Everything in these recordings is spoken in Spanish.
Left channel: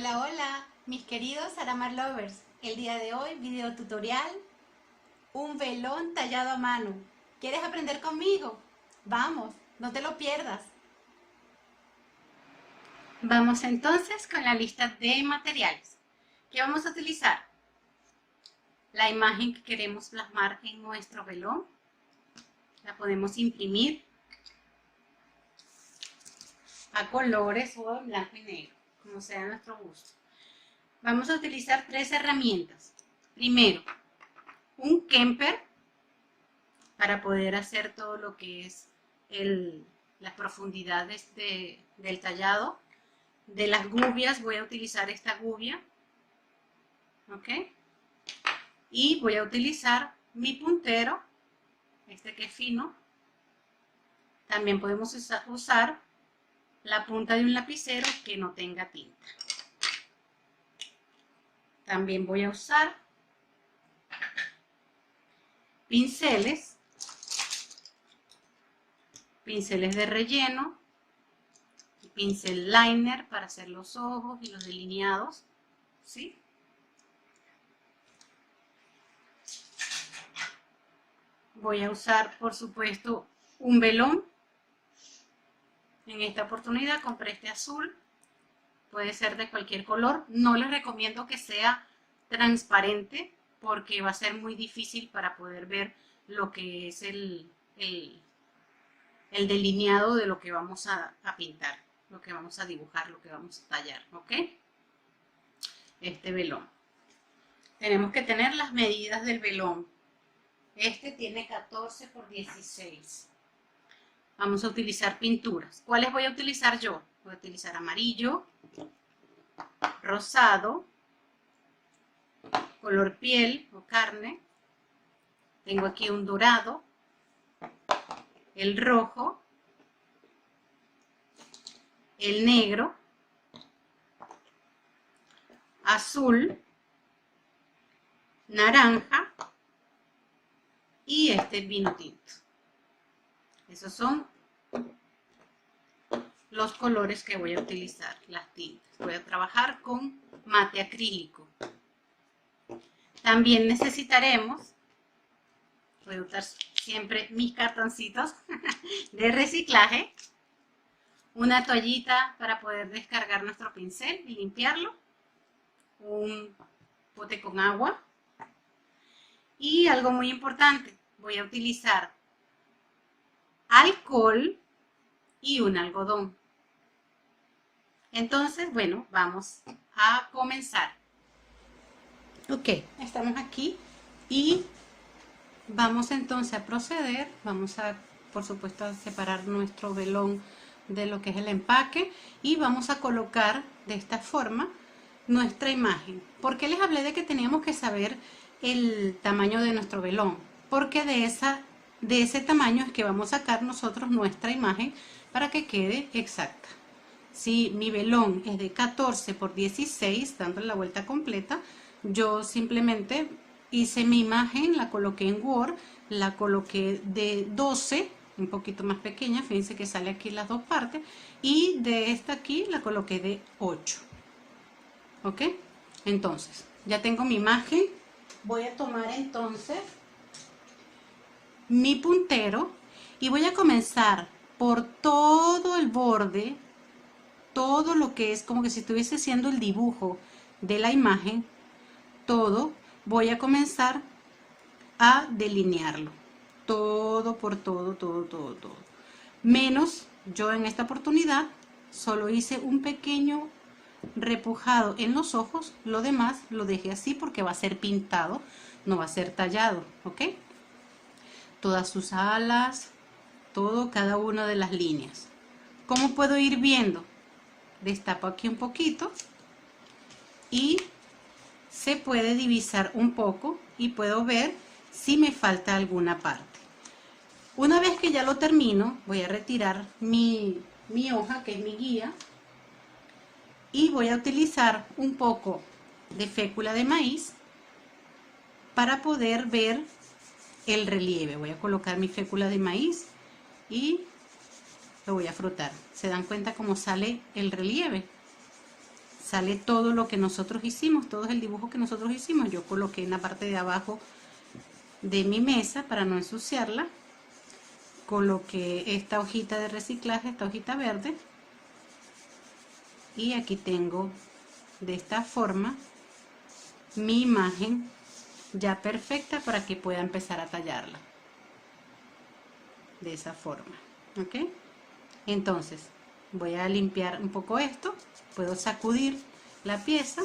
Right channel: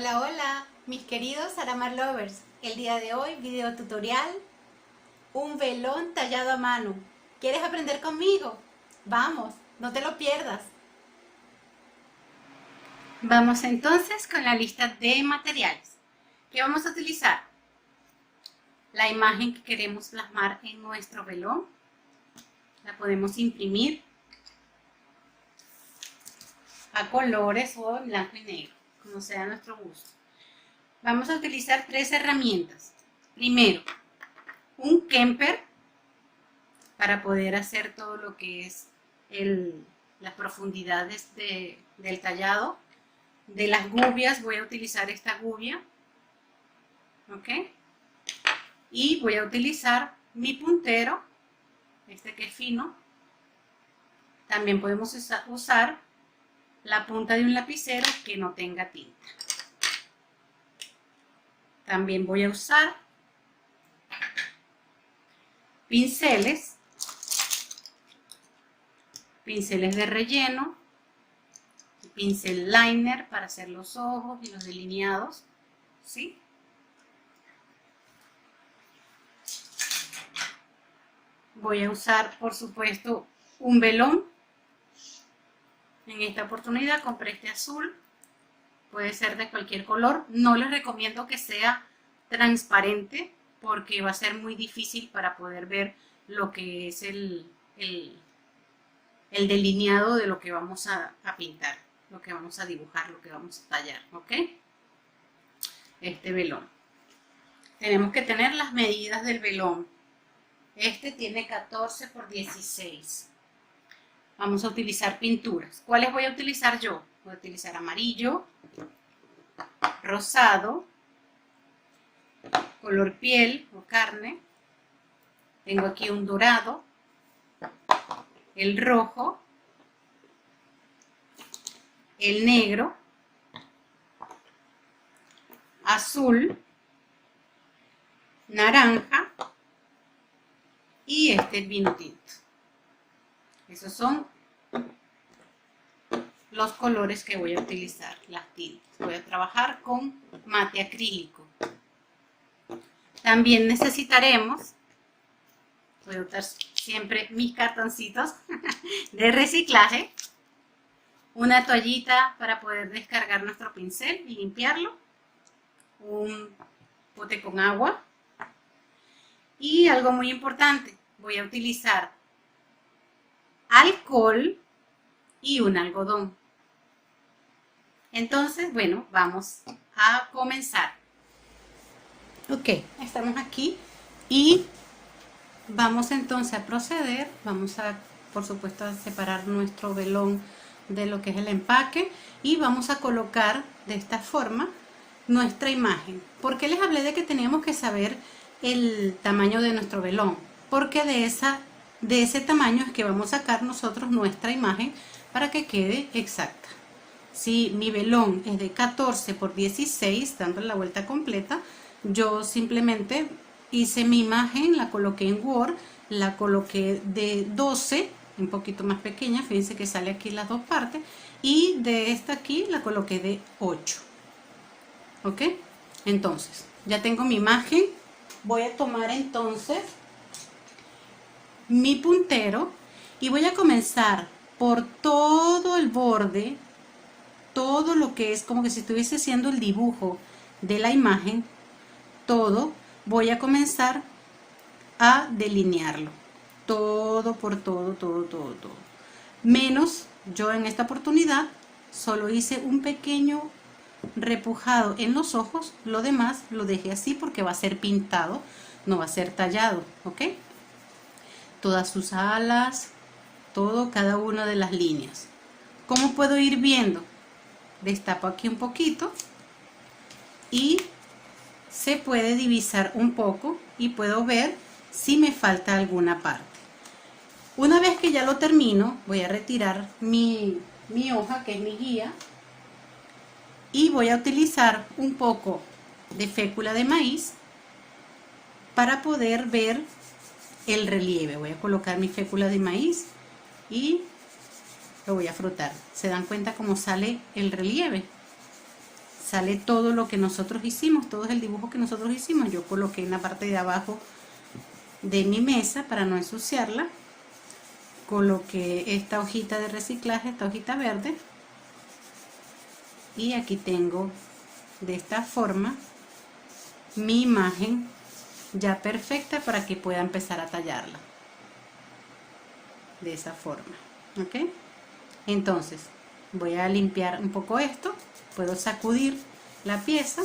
Hola, hola, mis queridos Aramar Lovers. El día de hoy, video tutorial, un velón tallado a mano. ¿Quieres aprender conmigo? Vamos, no te lo pierdas. Vamos entonces con la lista de materiales. ¿Qué vamos a utilizar? La imagen que queremos plasmar en nuestro velón. La podemos imprimir a colores o en blanco y negro, como sea nuestro gusto. Vamos a utilizar 3 herramientas. Primero, un Kemper para poder hacer todo lo que es las profundidades del tallado. De las gubias voy a utilizar esta gubia, ¿ok? Y voy a utilizar mi puntero, este que es fino. También podemos usar la punta de un lapicero que no tenga tinta. También voy a usar pinceles de relleno, pincel liner para hacer los ojos y los delineados, ¿sí? Voy a usar, por supuesto, un velón. En esta oportunidad compré este azul, puede ser de cualquier color. No les recomiendo que sea transparente porque va a ser muy difícil para poder ver lo que es el delineado de lo que vamos a pintar, lo que vamos a dibujar, lo que vamos a tallar, ¿ok? Este velón. Tenemos que tener las medidas del velón. Este tiene 14 por 16. Vamos a utilizar pinturas. ¿Cuáles voy a utilizar yo? Voy a utilizar amarillo, rosado, color piel o carne. Tengo aquí un dorado, el rojo, el negro, azul, naranja y este vino tinto. Esos son los colores que voy a utilizar, las tintas. Voy a trabajar con mate acrílico. También necesitaremos, voy a usar siempre mis cartoncitos de reciclaje, una toallita para poder descargar nuestro pincel y limpiarlo, un bote con agua y algo muy importante, voy a utilizar alcohol y un algodón. Entonces, bueno, vamos a comenzar. Ok, estamos aquí y vamos entonces a proceder. Vamos a, por supuesto, a separar nuestro velón de lo que es el empaque y vamos a colocar de esta forma nuestra imagen. ¿Por qué les hablé de que teníamos que saber el tamaño de nuestro velón? Porque de ese tamaño es que vamos a sacar nosotros nuestra imagen para que quede exacta. Si mi velón es de 14 por 16, dándole la vuelta completa, yo simplemente hice mi imagen, la coloqué en Word, la coloqué de 12, un poquito más pequeña, fíjense que sale aquí las dos partes, y de esta aquí la coloqué de 8. ¿Ok? Entonces, ya tengo mi imagen. Voy a tomar entonces mi puntero y voy a comenzar por todo el borde, todo lo que es como que si estuviese haciendo el dibujo de la imagen, todo, voy a comenzar a delinearlo. Todo por todo, todo, todo, todo. Menos, yo en esta oportunidad solo hice un pequeño repujado en los ojos, lo demás lo dejé así porque va a ser pintado, no va a ser tallado, ¿ok? Todas sus alas, todo, cada una de las líneas. ¿Cómo puedo ir viendo? Destapo aquí un poquito y se puede divisar un poco y puedo ver si me falta alguna parte. Una vez que ya lo termino, voy a retirar mi hoja, que es mi guía, y voy a utilizar un poco de fécula de maíz para poder ver el relieve. Voy a colocar mi fécula de maíz y lo voy a frotar. ¿Se dan cuenta cómo sale el relieve? sale todo lo que nosotros hicimos, todo el dibujo que nosotros hicimos. Yo coloqué en la parte de abajo de mi mesa para no ensuciarla, coloqué esta hojita de reciclaje, esta hojita verde, y aquí tengo de esta forma mi imagen ya perfecta para que pueda empezar a tallarla de esa forma. ¿Ok? Entonces voy a limpiar un poco esto, puedo sacudir la pieza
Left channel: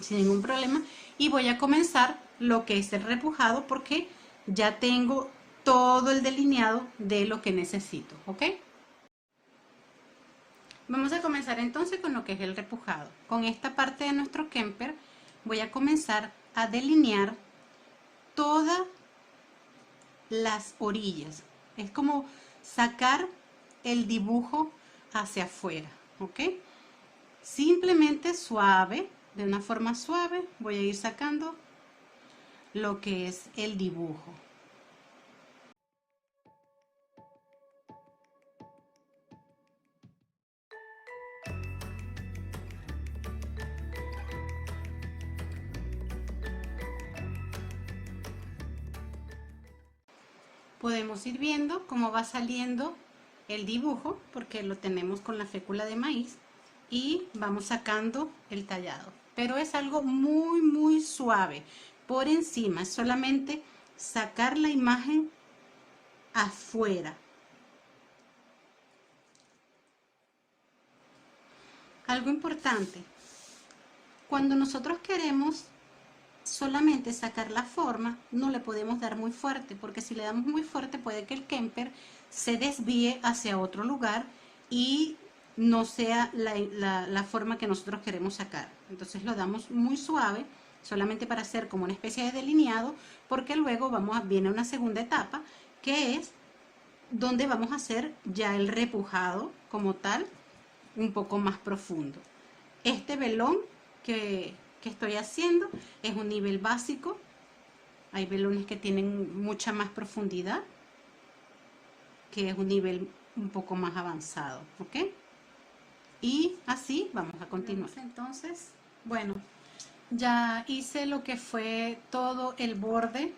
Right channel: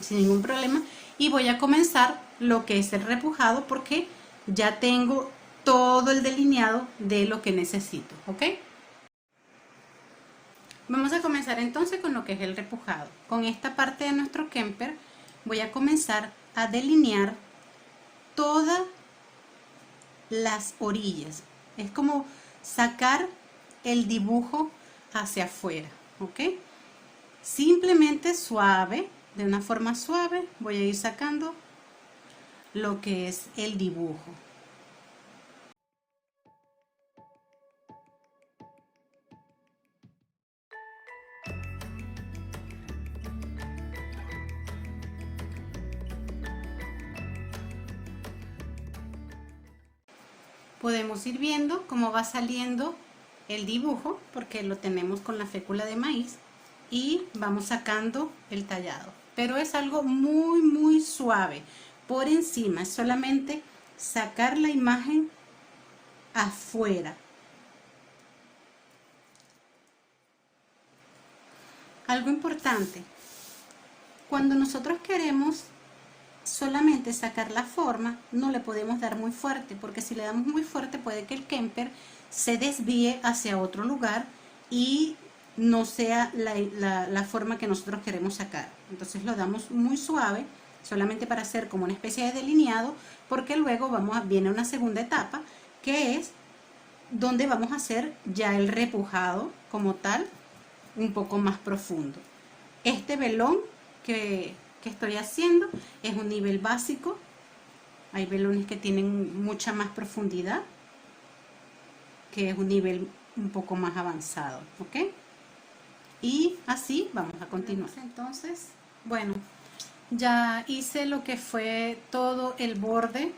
sin ningún problema y voy a comenzar lo que es el repujado, porque ya tengo todo el delineado de lo que necesito. ¿Ok? Vamos a comenzar entonces con lo que es el repujado. Con esta parte de nuestro Kemper voy a comenzar a delinear todas las orillas. Es como sacar el dibujo hacia afuera, ¿ok? Simplemente suave, de una forma suave, voy a ir sacando lo que es el dibujo. Podemos ir viendo cómo va saliendo el dibujo, porque lo tenemos con la fécula de maíz, y vamos sacando el tallado. Pero es algo muy suave. Por encima es solamente sacar la imagen afuera. Algo importante, cuando nosotros queremos solamente sacar la forma, no le podemos dar muy fuerte, porque si le damos muy fuerte puede que el Kemper se desvíe hacia otro lugar y no sea la forma que nosotros queremos sacar. Entonces lo damos muy suave, solamente para hacer como una especie de delineado, porque luego viene una segunda etapa, que es donde vamos a hacer ya el repujado como tal, un poco más profundo. Este velón que estoy haciendo es un nivel básico. Hay velones que tienen mucha más profundidad, que es un nivel un poco más avanzado, ¿ok? Y así vamos a continuar. Entonces, bueno, ya hice lo que fue todo el borde,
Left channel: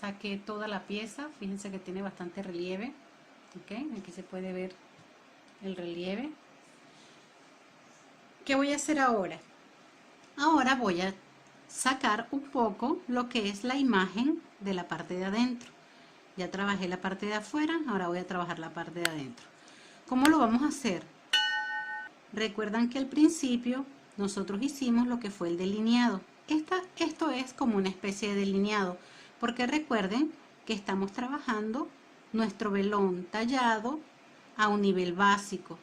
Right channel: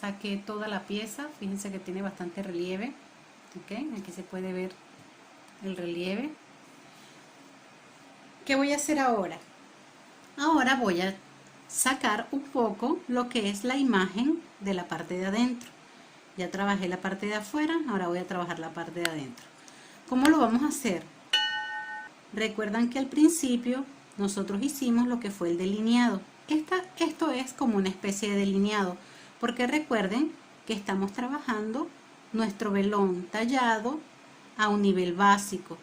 saqué toda la pieza. Fíjense que tiene bastante relieve, ¿ok? Aquí se puede ver el relieve. ¿Qué voy a hacer ahora? Ahora voy a sacar un poco lo que es la imagen de la parte de adentro. Ya trabajé la parte de afuera, ahora voy a trabajar la parte de adentro. ¿Cómo lo vamos a hacer? Recuerdan que al principio nosotros hicimos lo que fue el delineado. Esto es como una especie de delineado, porque recuerden que estamos trabajando nuestro velón tallado a un nivel básico.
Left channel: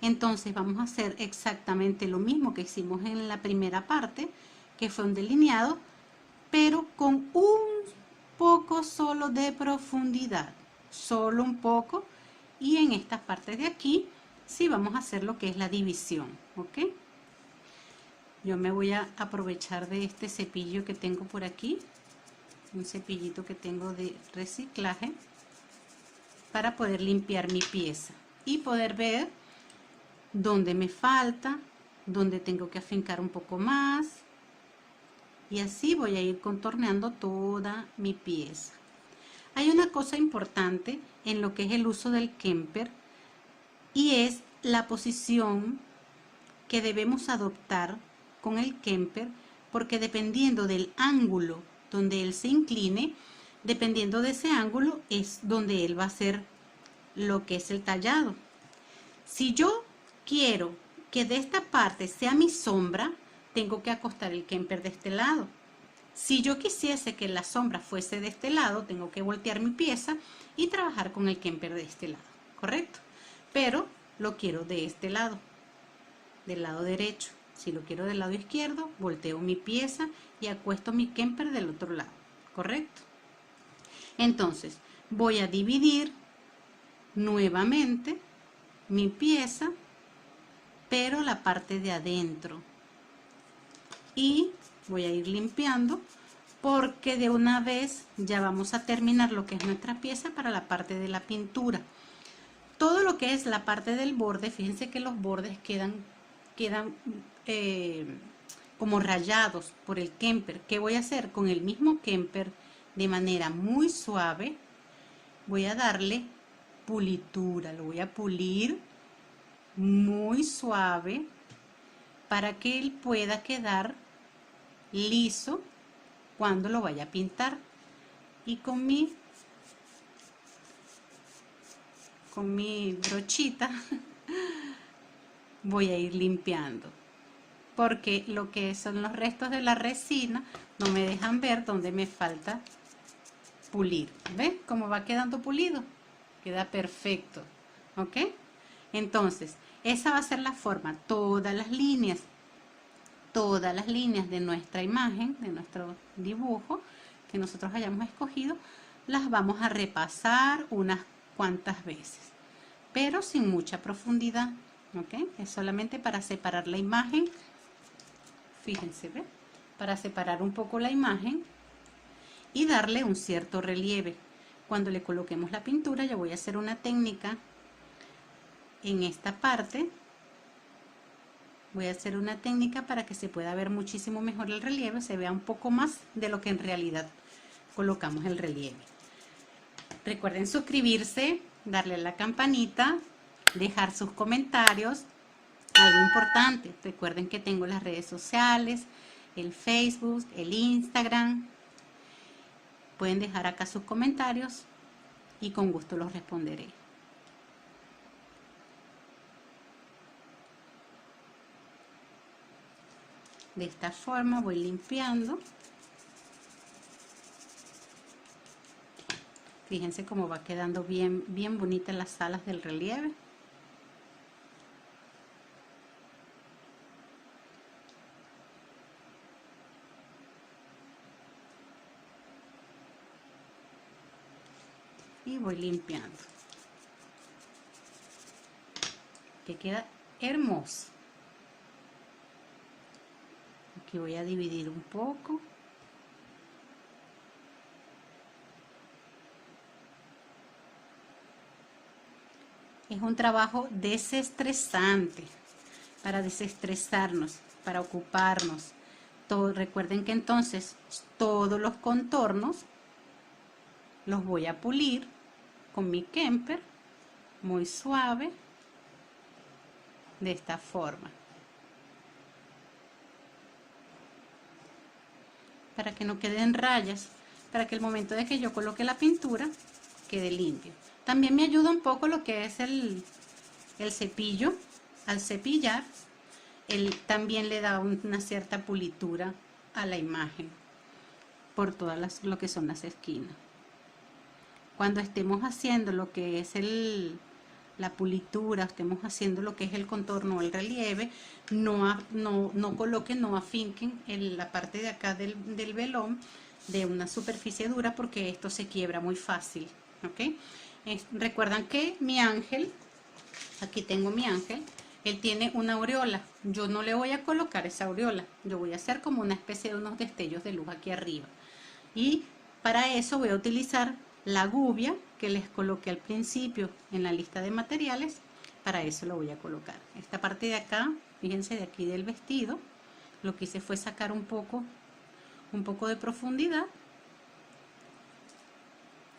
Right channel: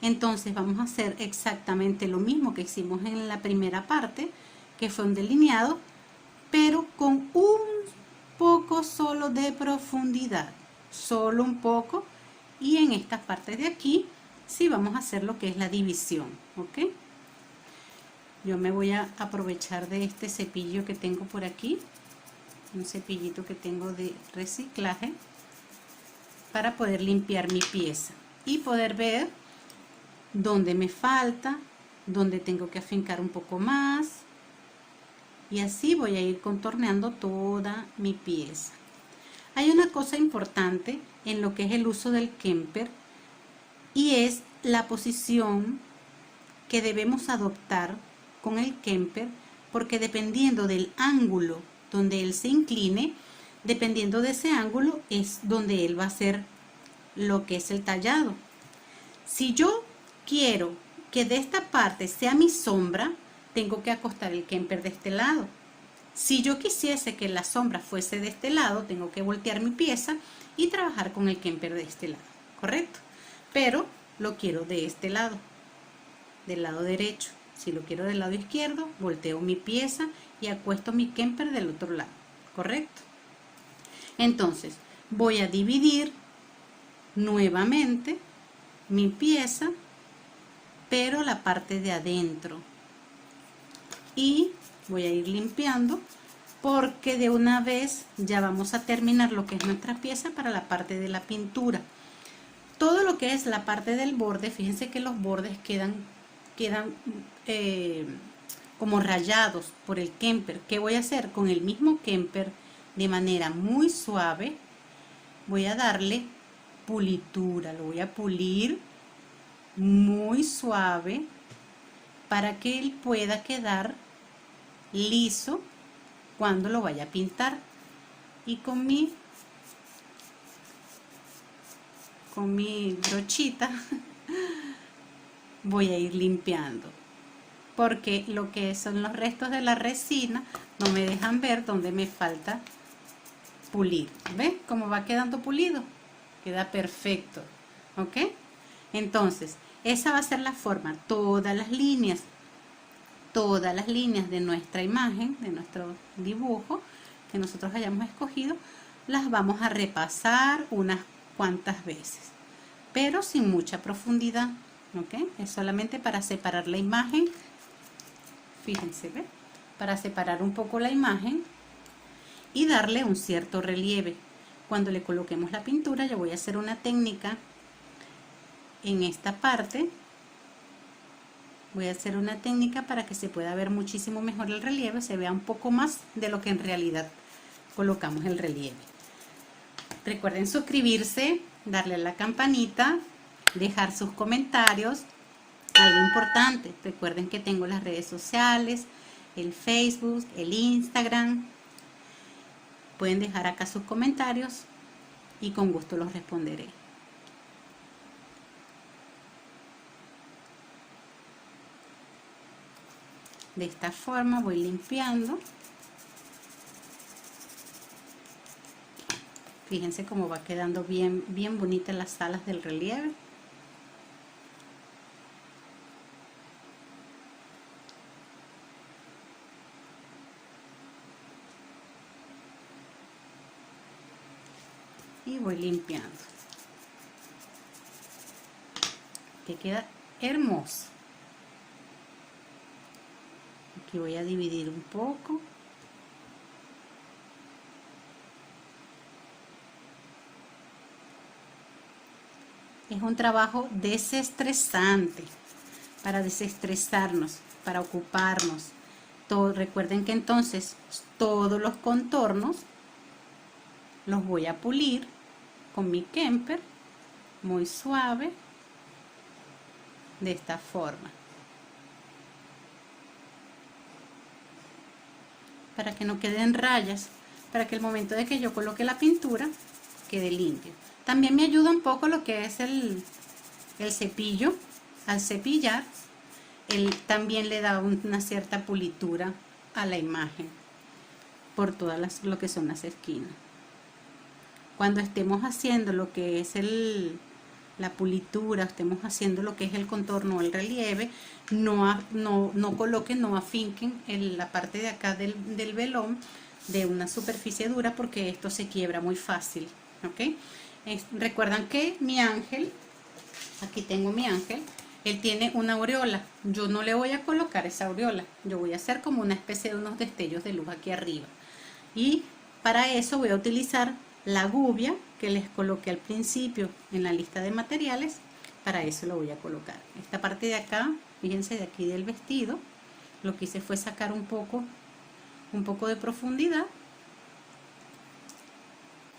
Entonces vamos a hacer exactamente lo mismo que hicimos en la primera parte, que fue un delineado, pero con un poco solo de profundidad, solo un poco. Y en estas partes de aquí sí vamos a hacer lo que es la división, ¿ok? Yo me voy a aprovechar de este cepillo que tengo por aquí, un cepillito que tengo de reciclaje, para poder limpiar mi pieza y poder ver dónde me falta, dónde tengo que afincar un poco más, y así voy a ir contorneando toda mi pieza. Hay una cosa importante en lo que es el uso del Kemper, y es la posición que debemos adoptar con el Kemper, porque dependiendo del ángulo donde él se incline, dependiendo de ese ángulo es donde él va a hacer lo que es el tallado. Si yo quiero que de esta parte sea mi sombra, tengo que acostar el Kemper de este lado. Si yo quisiese que la sombra fuese de este lado, tengo que voltear mi pieza y trabajar con el Kemper de este lado, ¿correcto? Pero lo quiero de este lado, del lado derecho. Si lo quiero del lado izquierdo, volteo mi pieza y acuesto mi Kemper del otro lado, ¿correcto? Entonces, voy a dividir nuevamente mi pieza, pero la parte de adentro, y voy a ir limpiando, porque de una vez ya vamos a terminar lo que es nuestra pieza para la parte de la pintura. Todo lo que es la parte del borde, fíjense que los bordes quedan quedan como rayados por el Kemper. ¿Qué voy a hacer? Con el mismo Kemper, de manera muy suave, voy a darle pulitura, lo voy a pulir muy suave para que él pueda quedar liso cuando lo vaya a pintar. Y con mi brochita voy a ir limpiando, porque lo que son los restos de la resina no me dejan ver dónde me falta pulir. ¿Ven cómo va quedando pulido? Queda perfecto. ¿Ok? Entonces, esa va a ser la forma. Todas las líneas de nuestra imagen, de nuestro dibujo que nosotros hayamos escogido, las vamos a repasar unas cuantas veces, pero sin mucha profundidad. ¿Ok? Es solamente para separar la imagen. Fíjense, ¿ve? Para separar un poco la imagen y darle un cierto relieve. Cuando le coloquemos la pintura, yo voy a hacer una técnica en esta parte. Voy a hacer una técnica para que se pueda ver muchísimo mejor el relieve, se vea un poco más de lo que en realidad colocamos el relieve. Recuerden suscribirse, darle a la campanita, dejar sus comentarios. Algo importante, recuerden que tengo las redes sociales, el Facebook, el Instagram. Pueden dejar acá sus comentarios y con gusto los responderé. De esta forma voy limpiando. Fíjense cómo va quedando bien bonitas las alas del relieve. Y voy limpiando, que queda hermoso. Aquí voy a dividir un poco. Es un trabajo desestresante, para desestresarnos, para ocuparnos. Recuerden que entonces todos los contornos los voy a pulir con mi Kemper muy suave, de esta forma, para que no queden rayas, para que el momento de que yo coloque la pintura quede limpio. También me ayuda un poco lo que es el cepillo. Al cepillar, él también le da una cierta pulitura a la imagen por todas lo que son las esquinas. Cuando estemos haciendo lo que es la pulitura, estemos haciendo lo que es el contorno o el relieve, no coloquen, no afinquen en la parte de acá del velón de una superficie dura, porque esto se quiebra muy fácil. ¿Ok? Recuerdan que mi ángel, aquí tengo mi ángel, él tiene una aureola. Yo no le voy a colocar esa aureola, yo voy a hacer como una especie de unos destellos de luz aquí arriba. Y para eso voy a utilizar la gubia que les coloqué al principio en la lista de materiales. Para eso lo voy a colocar. Esta parte de acá, fíjense, de aquí del vestido, lo que hice fue sacar un poco de profundidad.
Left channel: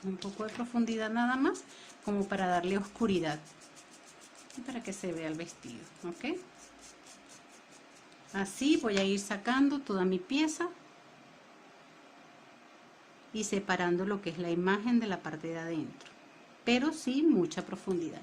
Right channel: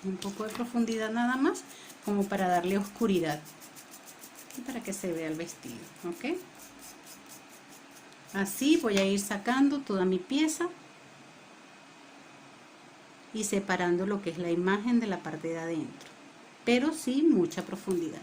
Un poco de profundidad nada más, como para darle oscuridad y para que se vea el vestido. ¿Ok? Así voy a ir sacando toda mi pieza y separando lo que es la imagen de la parte de adentro, pero sin mucha profundidad.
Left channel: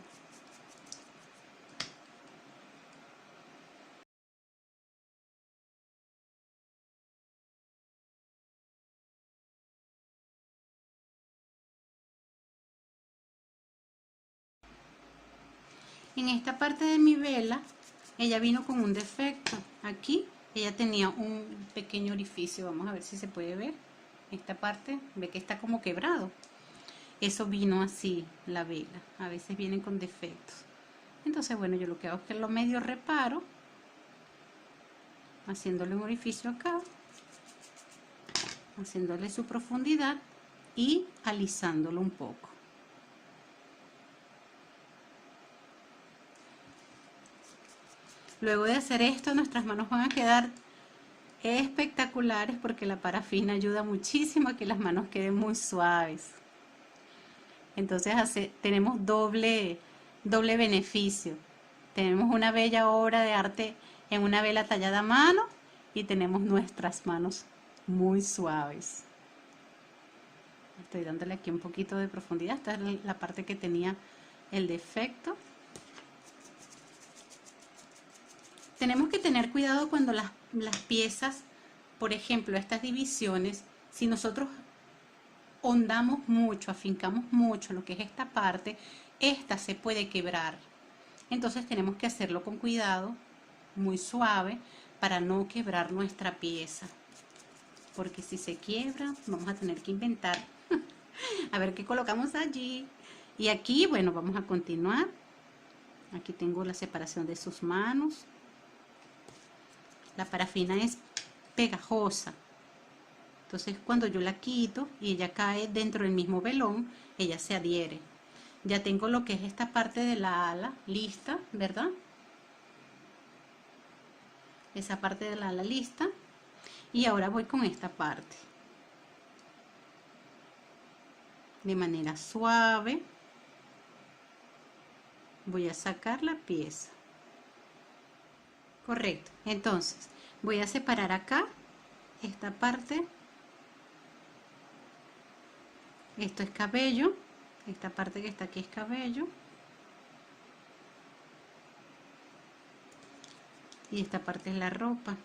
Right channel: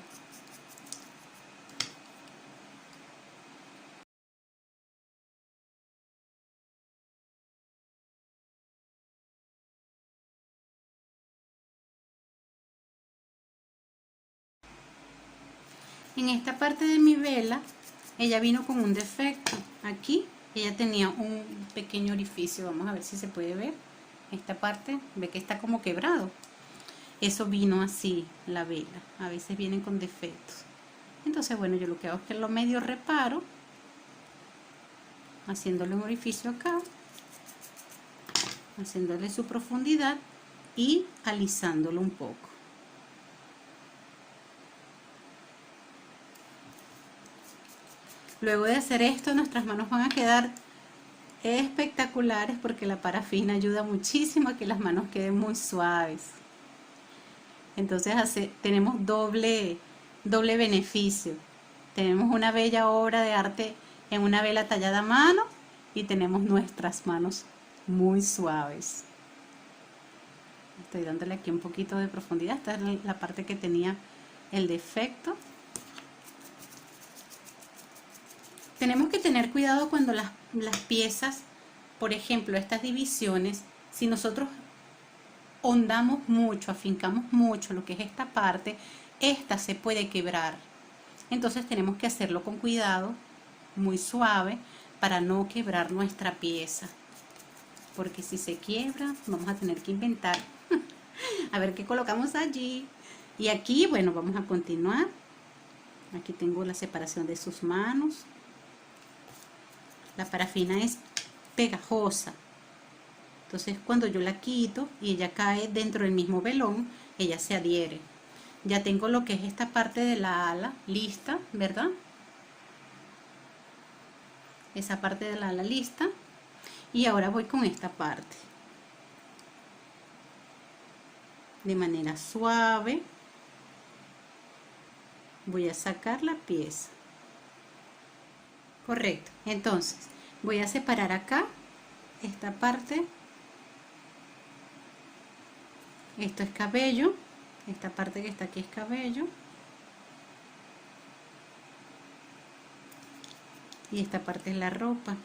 En esta parte de mi vela, ella vino con un defecto. Aquí ella tenía un pequeño orificio, vamos a ver si se puede ver. Esta parte, ve que está como quebrado. Eso vino así, la vela. A veces vienen con defectos. Entonces, bueno, yo lo que hago es que lo medio reparo, haciéndole un orificio acá, haciéndole su profundidad y alisándolo un poco. Luego de hacer esto, nuestras manos van a quedar espectaculares porque la parafina ayuda muchísimo a que las manos queden muy suaves. Entonces tenemos doble beneficio. Tenemos una bella obra de arte en una vela tallada a mano y tenemos nuestras manos muy suaves. Estoy dándole aquí un poquito de profundidad. Esta es la parte que tenía el defecto. Tenemos que tener cuidado cuando las piezas, por ejemplo, estas divisiones, si nosotros hondamos mucho, afincamos mucho lo que es esta parte, esta se puede quebrar. Entonces tenemos que hacerlo con cuidado, muy suave, para no quebrar nuestra pieza. Porque si se quiebra, vamos a tener que inventar. A ver qué colocamos allí. Y aquí, bueno, vamos a continuar. Aquí tengo la separación de sus manos. La parafina es pegajosa. Entonces cuando yo la quito y ella cae dentro del mismo velón, ella se adhiere. Ya tengo lo que es esta parte de la ala lista, ¿verdad? Esa parte de la ala lista. Y ahora voy con esta parte. De manera suave voy a sacar la pieza. Correcto. Entonces voy a separar acá esta parte. Esto es cabello. Esta parte que está aquí es cabello. Y esta parte es la ropa.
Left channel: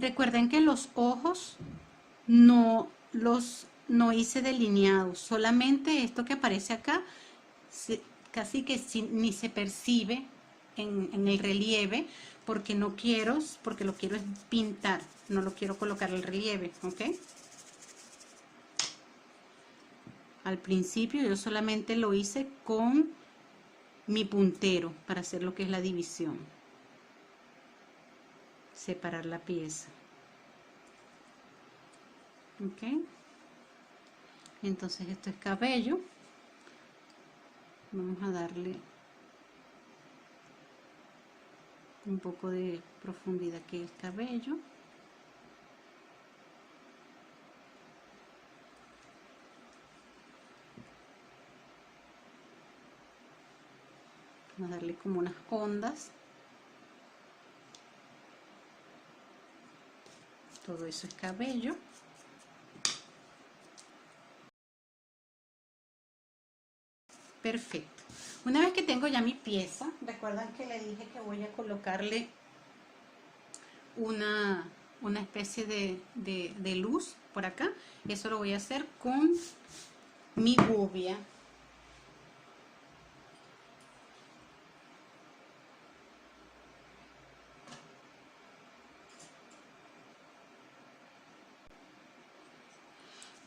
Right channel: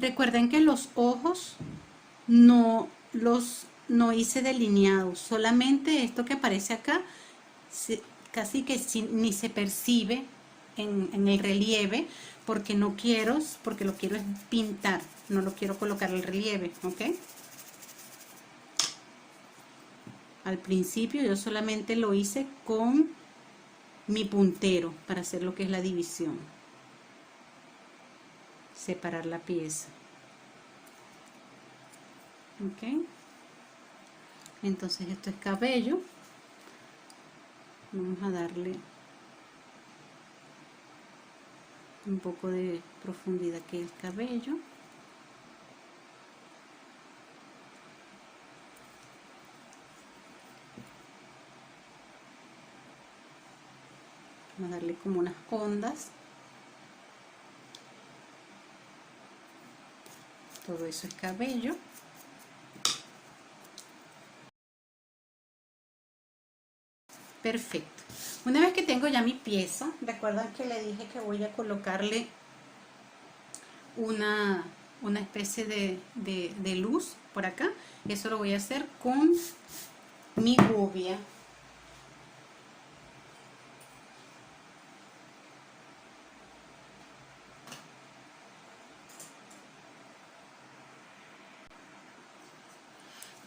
Recuerden que los ojos no hice delineados, solamente esto que aparece acá casi que ni se percibe en el relieve porque lo quiero es pintar, no lo quiero colocar el relieve, ¿ok? Al principio yo solamente lo hice con mi puntero para hacer lo que es la división. Separar la pieza. Ok. Entonces esto es cabello. Vamos a darle un poco de profundidad que el cabello. Vamos a darle como unas ondas. Todo eso es cabello. Perfecto. Una vez que tengo ya mi pieza, recuerdan que le dije que voy a colocarle una especie de luz por acá. Eso lo voy a hacer con mi gubia.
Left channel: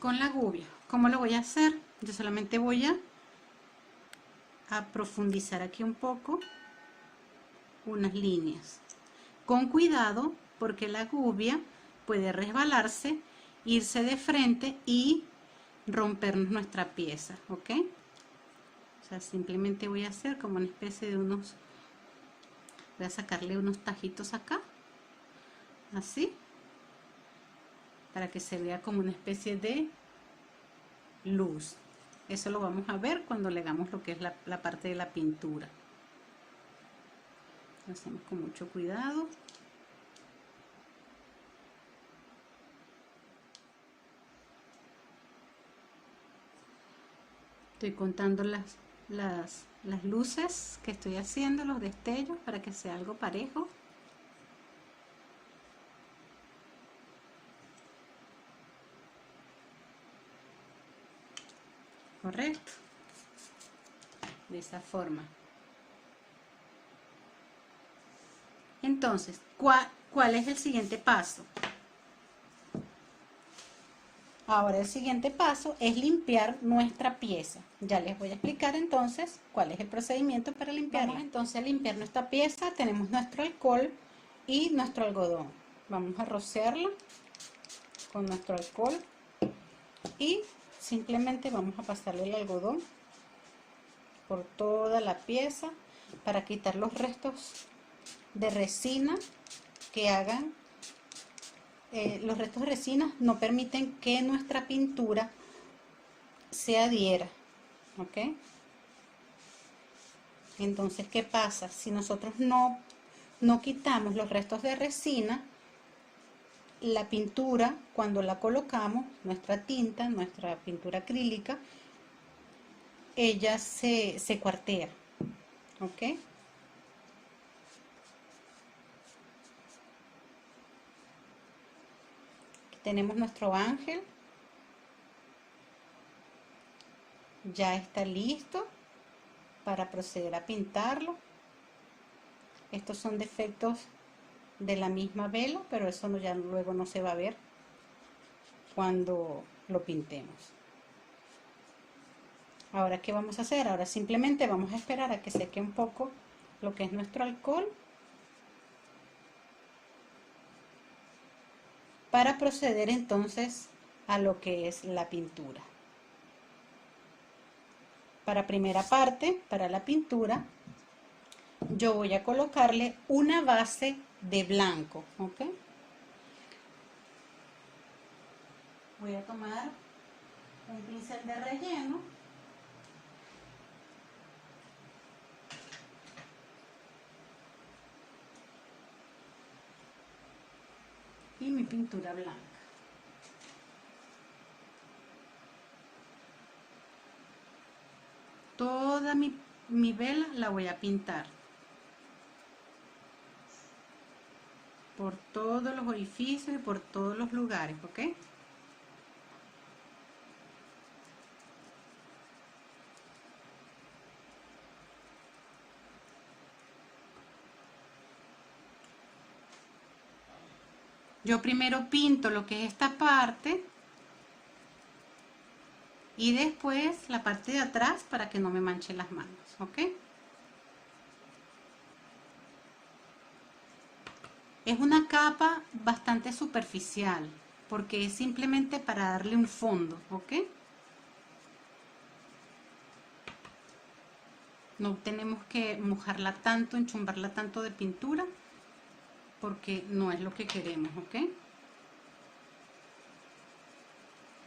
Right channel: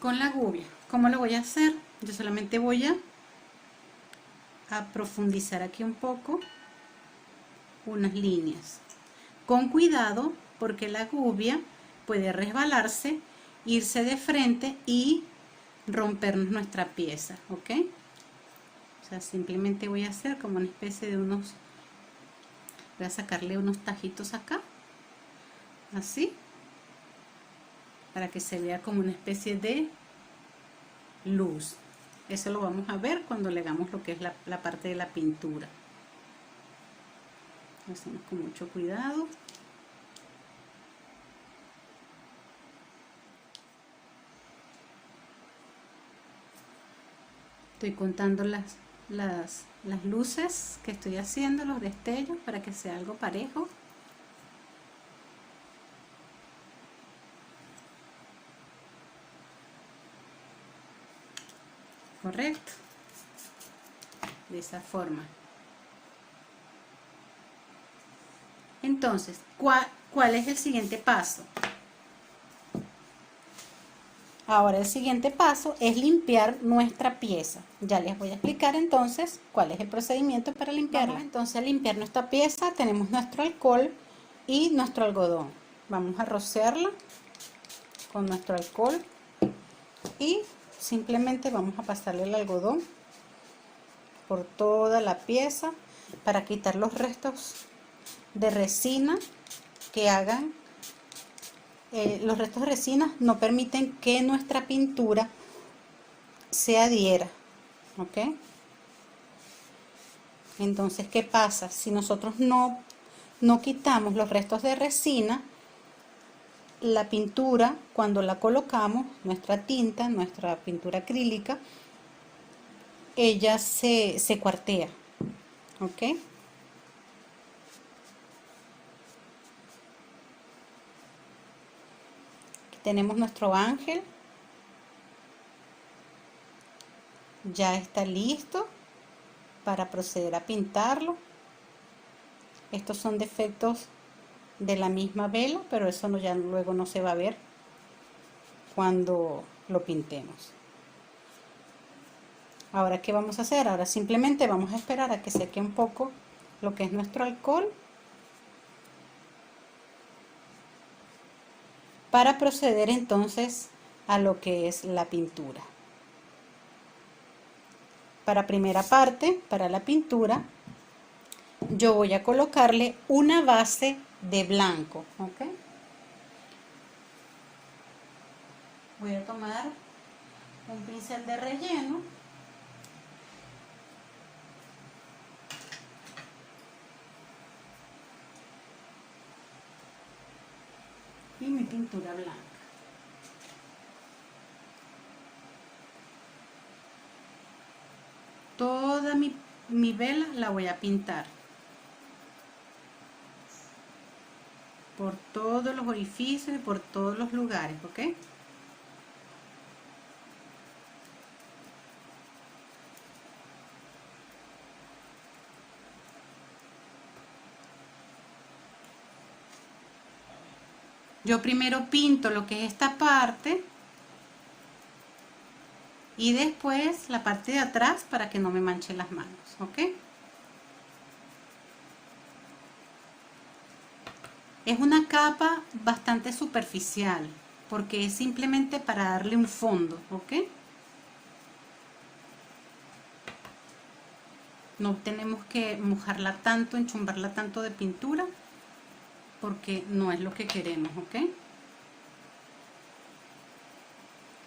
Con la gubia. ¿Cómo lo voy a hacer? Yo solamente voy a profundizar aquí un poco unas líneas. Con cuidado porque la gubia puede resbalarse, irse de frente y rompernos nuestra pieza, ¿ok? O sea, simplemente voy a hacer como una especie de voy a sacarle unos tajitos acá, así, para que se vea como una especie de luz. Eso lo vamos a ver cuando le hagamos lo que es la parte de la pintura. Lo hacemos con mucho cuidado. Estoy contando las luces que estoy haciendo, los destellos, para que sea algo parejo. correcto, de esa forma. Entonces, ¿cuál es el siguiente paso? Ahora el siguiente paso es limpiar nuestra pieza. Ya les voy a explicar entonces cuál es el procedimiento para limpiarla. Vamos entonces a limpiar nuestra pieza. Tenemos nuestro alcohol y nuestro algodón. Vamos a rociarla con nuestro alcohol y simplemente vamos a pasarle el algodón por toda la pieza para quitar los restos de resina que hagan. Los restos de resina no permiten que nuestra pintura se adhiera, ¿ok? Entonces, ¿qué pasa? Si nosotros no quitamos los restos de resina, la pintura, cuando la colocamos, nuestra tinta, nuestra pintura acrílica, ella se cuartea, ¿ok? Tenemos nuestro ángel, ya está listo para proceder a pintarlo. Estos son defectos de la misma vela, pero eso ya luego no se va a ver cuando lo pintemos. Ahora, ¿qué vamos a hacer? Ahora simplemente vamos a esperar a que seque un poco lo que es nuestro alcohol para proceder entonces a lo que es la pintura. Para primera parte, para la pintura, yo voy a colocarle una base de blanco, ¿ok? Voy a tomar un pincel de relleno y mi pintura blanca. Toda mi vela la voy a pintar por todos los orificios y por todos los lugares, ¿ok? Yo primero pinto lo que es esta parte y después la parte de atrás para que no me manche las manos, ¿ok? Es una capa bastante superficial porque es simplemente para darle un fondo, ¿ok? No tenemos que mojarla tanto, enchumbarla tanto de pintura porque no es lo que queremos, ¿ok?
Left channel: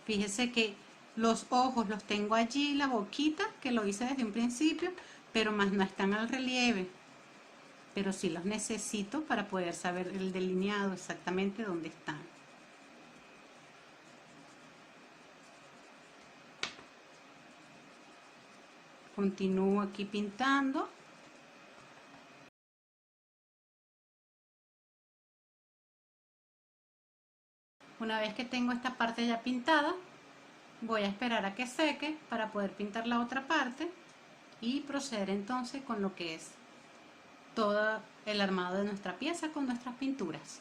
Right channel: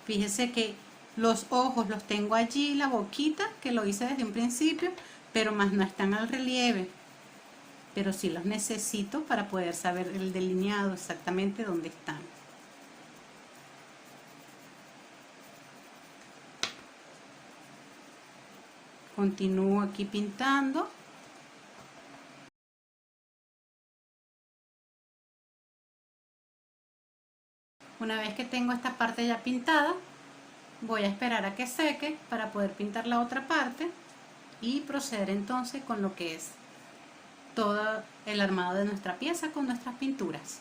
Fíjense que los ojos los tengo allí, la boquita, que lo hice desde un principio, pero más no están al relieve. Pero sí los necesito para poder saber el delineado exactamente dónde están. Continúo aquí pintando. Una vez que tengo esta parte ya pintada, voy a esperar a que seque para poder pintar la otra parte y proceder entonces con lo que es todo el armado de nuestra pieza con nuestras pinturas.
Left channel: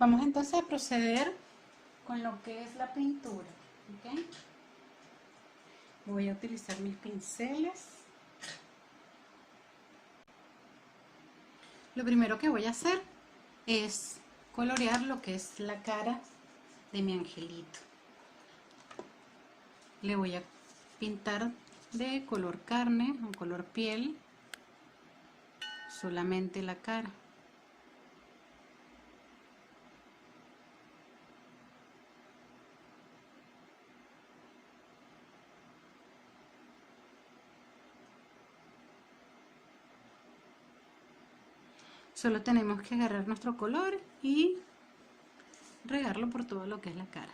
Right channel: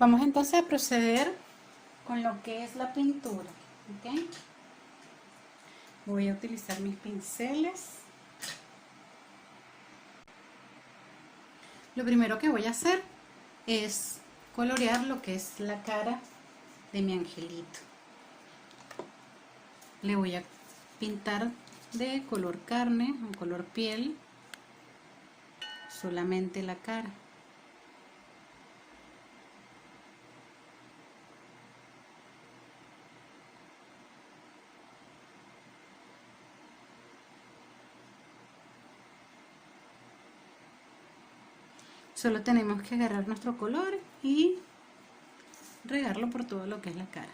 Vamos entonces a proceder con lo que es la pintura, ¿ok? Voy a utilizar mis pinceles. Lo primero que voy a hacer es colorear lo que es la cara de mi angelito. Le voy a pintar de color carne o color piel solamente la cara. Solo tenemos que agarrar nuestro color y regarlo por todo lo que es la cara.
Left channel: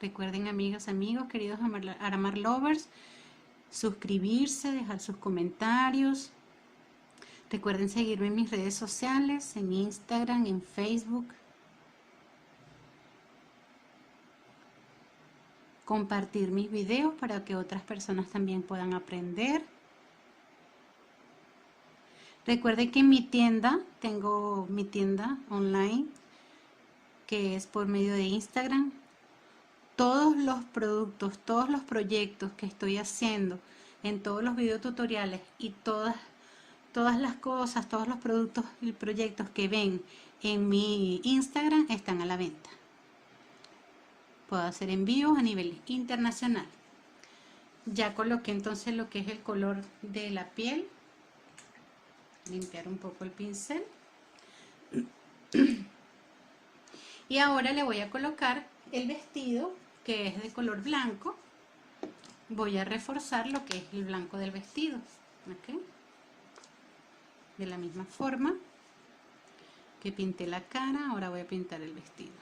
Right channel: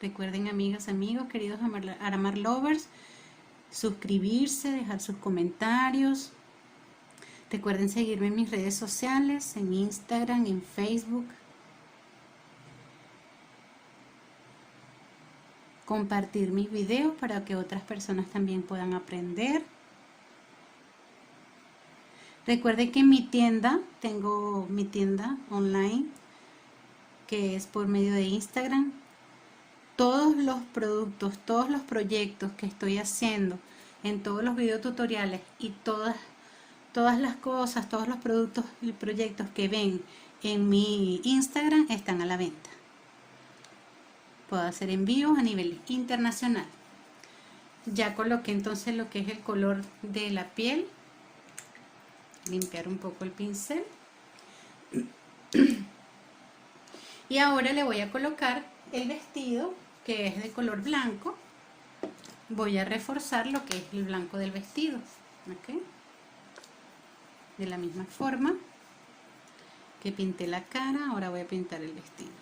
Recuerden, amigas, amigos, queridos Aramar Lovers, suscribirse, dejar sus comentarios. Recuerden seguirme en mis redes sociales, en Instagram, en Facebook. compartir mis videos para que otras personas también puedan aprender. Recuerde que en mi tienda, tengo mi tienda online, que es por medio de Instagram. Todos los productos, todos los proyectos que estoy haciendo en todos los videotutoriales y todas las cosas, todos los productos y proyectos que ven en mi Instagram están a la venta. Puedo hacer envíos a nivel internacional. Ya coloqué entonces lo que es el color de la piel. Limpiar un poco el pincel. Y ahora le voy a colocar el vestido, que es de color blanco. Voy a reforzar lo que es el blanco del vestido. ¿Okay? De la misma forma que pinté la cara, ahora voy a pintar el vestido.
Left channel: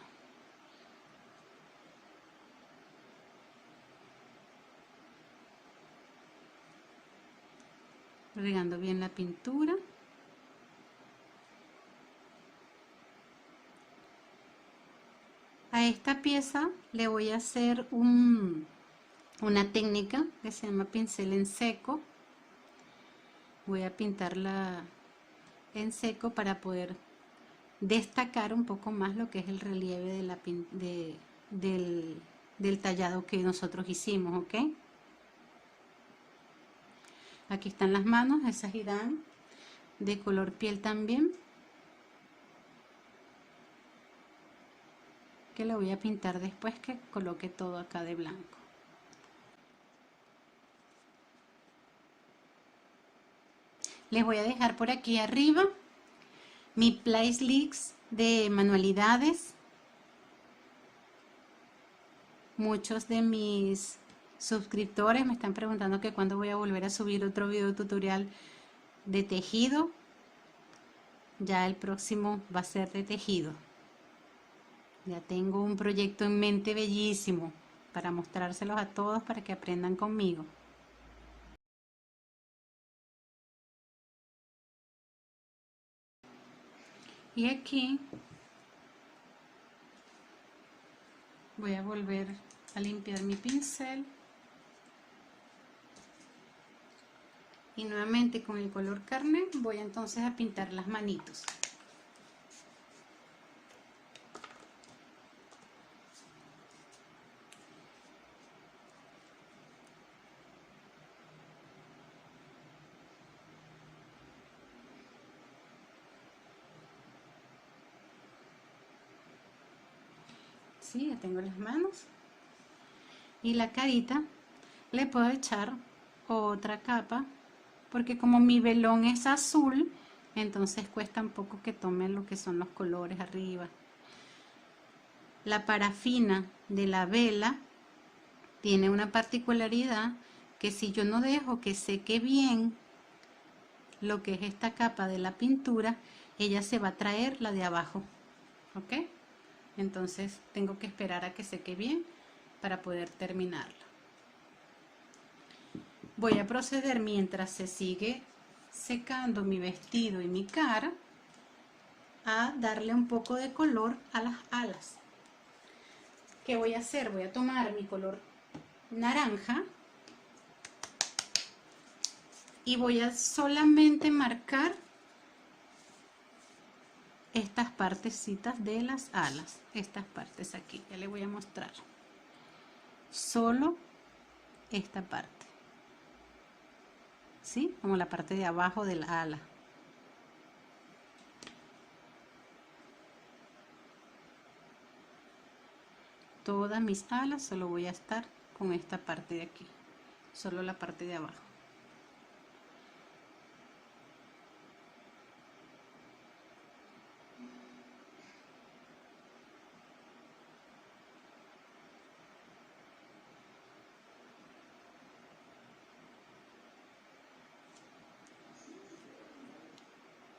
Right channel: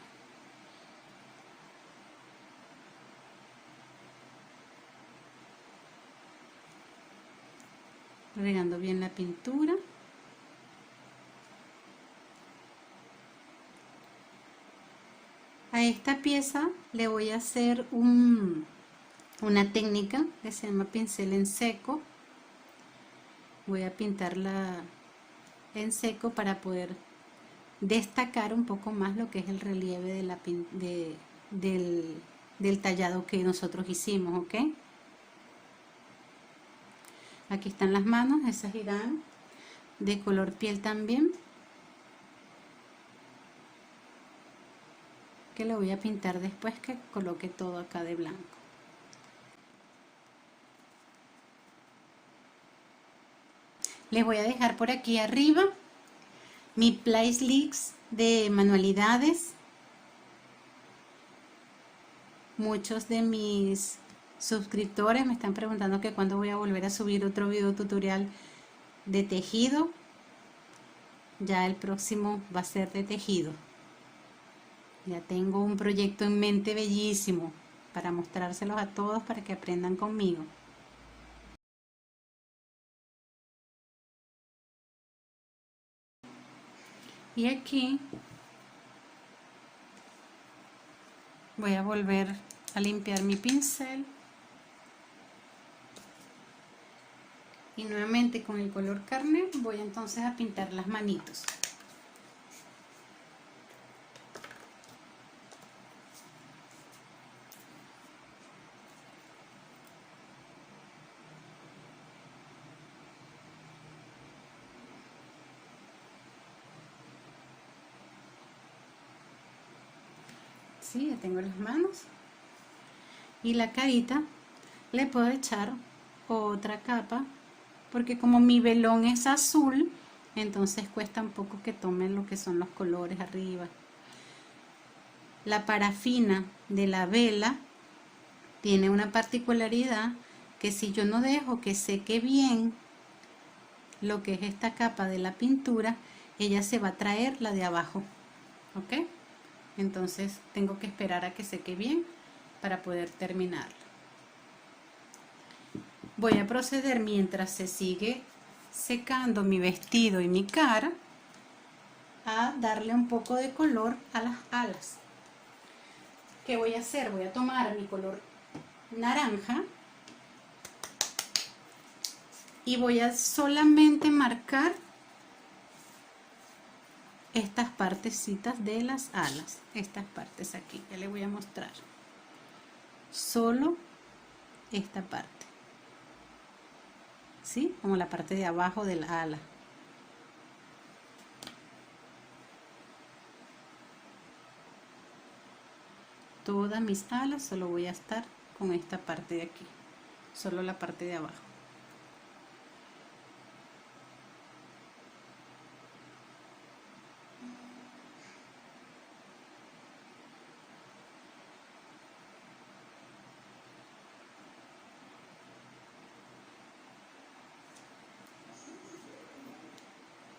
Regando bien la pintura. A esta pieza le voy a hacer una técnica que se llama pincel en seco. Voy a pintarla en seco para poder destacar un poco más lo que es el relieve del tallado que nosotros hicimos, ¿ok? Aquí están las manos, esas irán de color piel también, que lo voy a pintar después que coloque todo acá de blanco. Les voy a dejar por aquí arriba mi playlist de manualidades. Muchos de mis suscriptores me están preguntando que cuándo voy a volver a subir otro video tutorial de tejido. Ya el próximo va a ser de tejido. Ya tengo un proyecto en mente bellísimo para mostrárselos a todos para que aprendan conmigo. Y aquí voy a volver a limpiar mi pincel. Y nuevamente con el color carne voy entonces a pintar las manitos. Sí, ya tengo las manos. Y la carita le puedo echar otra capa, porque como mi velón es azul, entonces cuesta un poco que tomen lo que son los colores arriba. La parafina de la vela tiene una particularidad, que si yo no dejo que seque bien lo que es esta capa de la pintura, ella se va a traer la de abajo, ¿ok? Entonces tengo que esperar a que seque bien para poder terminarla. Voy a proceder, mientras se sigue secando mi vestido y mi cara, a darle un poco de color a las alas. ¿Qué voy a hacer? Voy a tomar mi color naranja y voy a solamente marcar estas partecitas de las alas, estas partes aquí. Ya les voy a mostrar solo esta parte, ¿sí? Como la parte de abajo de la ala. Todas mis alas solo voy a estar con esta parte de aquí, solo la parte de abajo.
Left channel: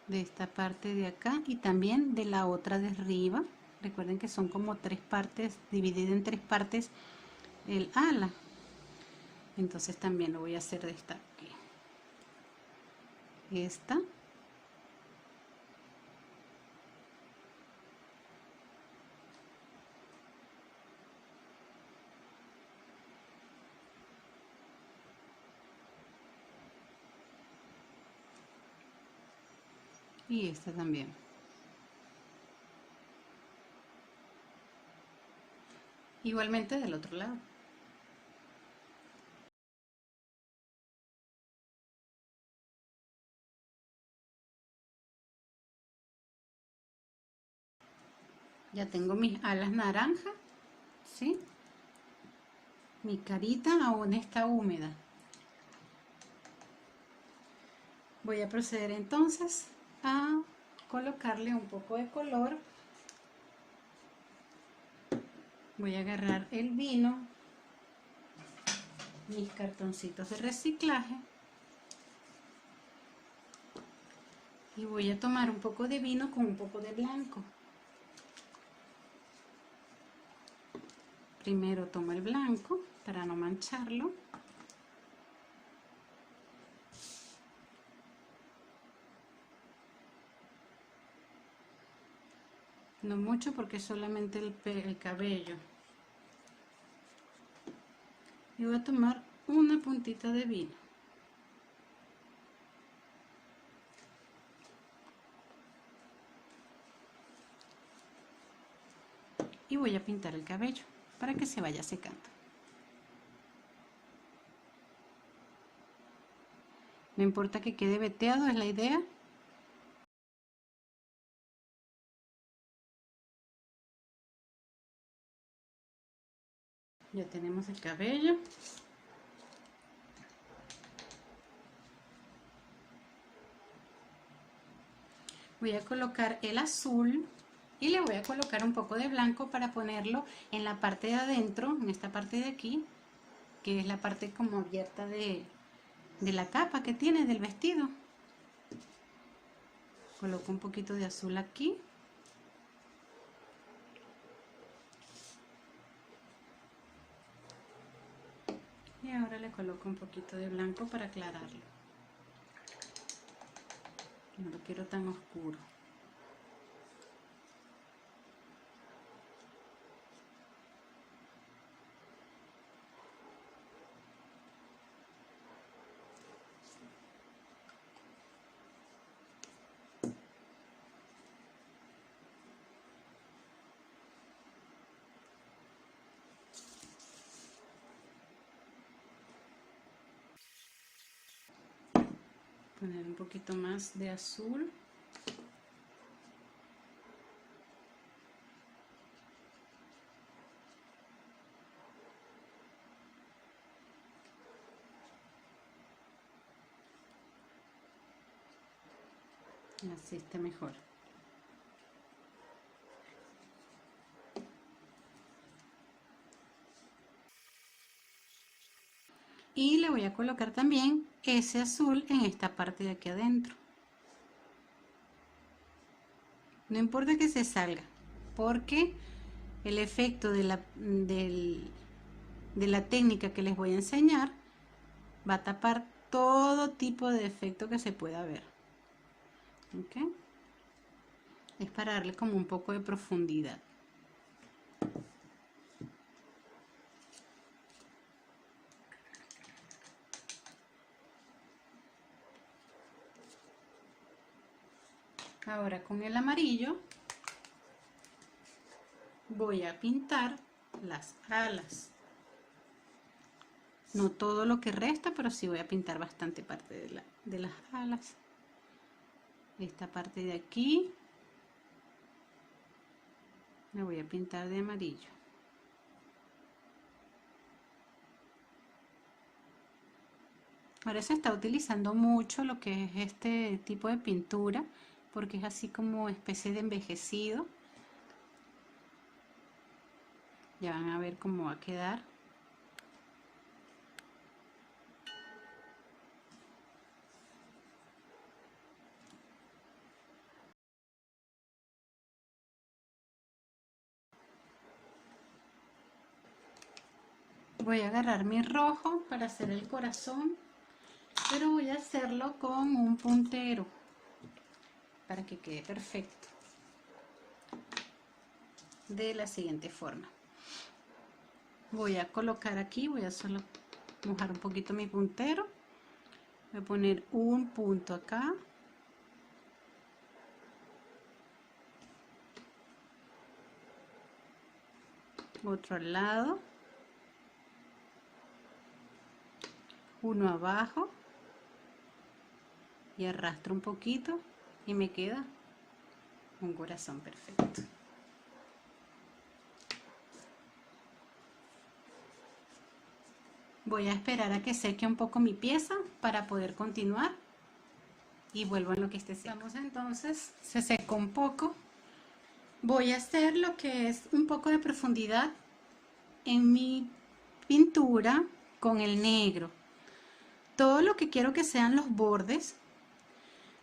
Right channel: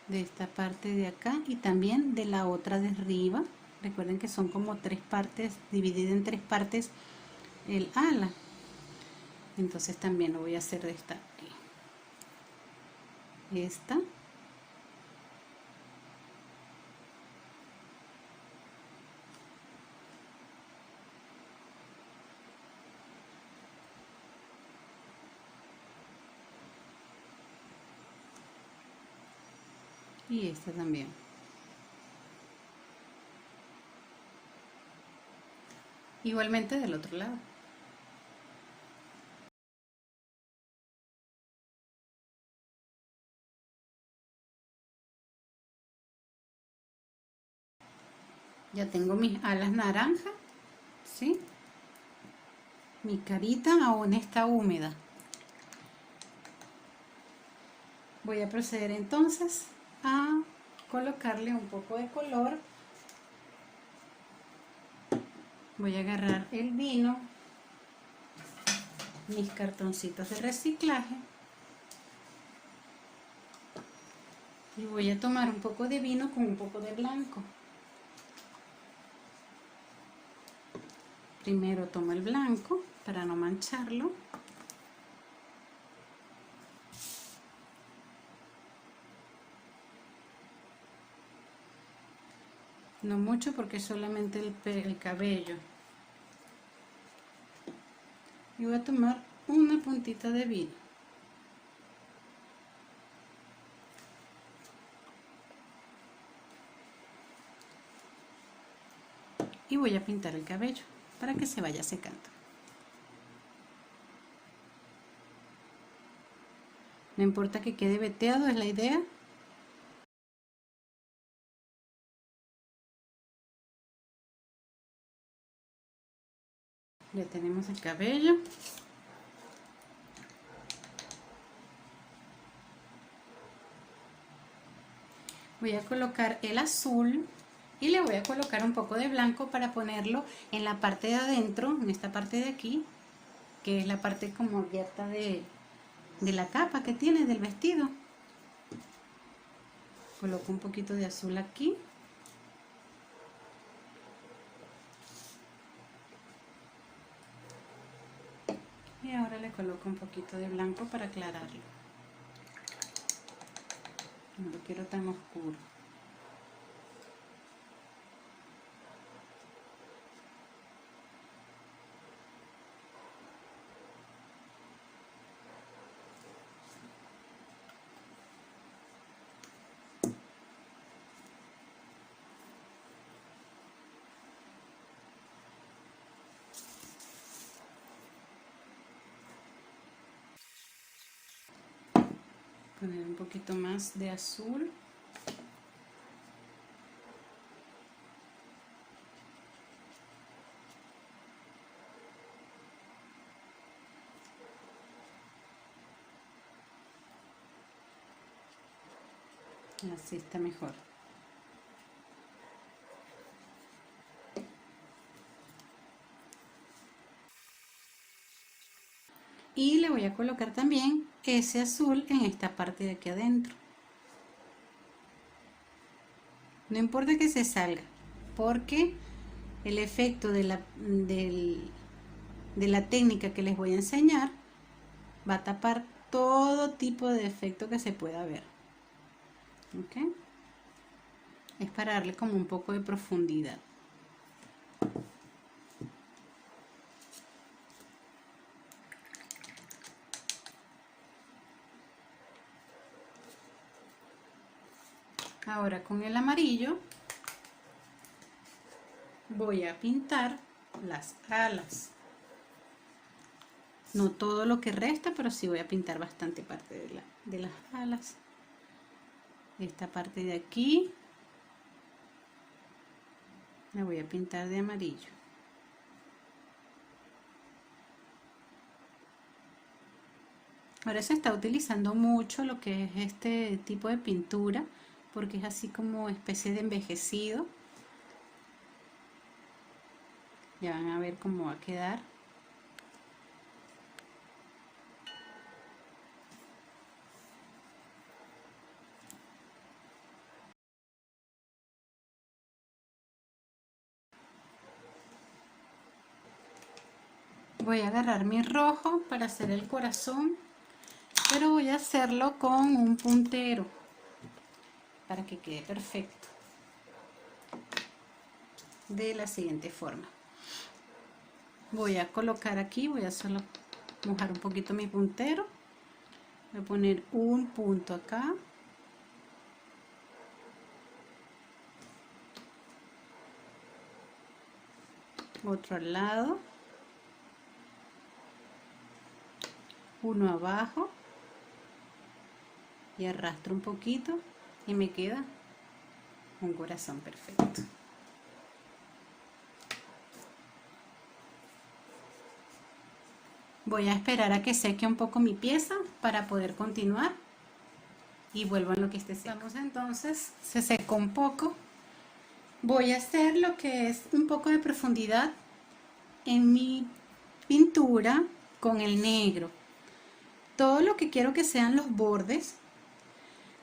De esta parte de acá y también de la otra de arriba. Recuerden que son como tres partes, dividida en tres partes el ala. Entonces también lo voy a hacer de esta. Esta. y esta también. Igualmente del otro lado. Ya tengo mis alas naranjas, ¿sí? Mi carita aún está húmeda. Voy a proceder entonces a colocarle un poco de color. Voy a agarrar el vino, mis cartoncitos de reciclaje y voy a tomar un poco de vino con un poco de blanco. Primero tomo el blanco para no mancharlo. No mucho porque es solamente el cabello. Y voy a tomar una puntita de vino. Y voy a pintar el cabello para que se vaya secando. No importa que quede veteado, es la idea. Ya tenemos el cabello. Voy a colocar el azul y le voy a colocar un poco de blanco para ponerlo en la parte de adentro, en esta parte de aquí, que es la parte como abierta de la capa que tiene del vestido. Coloco un poquito de azul aquí. Y ahora le coloco un poquito de blanco para aclararlo. No lo quiero tan oscuro. Poner un poquito más de azul. Así está mejor. Y le voy a colocar también ese azul en esta parte de aquí adentro. No importa que se salga, porque el efecto de la técnica que les voy a enseñar va a tapar todo tipo de efecto que se pueda ver. ¿Ok? Es para darle como un poco de profundidad. Ahora con el amarillo voy a pintar las alas. No todo lo que resta, pero sí voy a pintar bastante parte de las alas. Esta parte de aquí la voy a pintar de amarillo. Ahora se está utilizando mucho lo que es este tipo de pintura, porque es así como especie de envejecido. Ya van a ver cómo va a quedar. Voy a agarrar mi rojo para hacer el corazón, pero voy a hacerlo con un puntero para que quede perfecto. De la siguiente forma. Voy a colocar aquí, voy a solo mojar un poquito mi puntero. Voy a poner un punto acá. otro al lado, uno abajo y arrastro un poquito y me queda un corazón perfecto. Voy a esperar a que seque un poco mi pieza para poder continuar y vuelvo a lo que esté secando. Entonces se secó un poco. Voy a hacer lo que es un poco de profundidad en mi pintura con el negro. Todo lo que quiero que sean los bordes,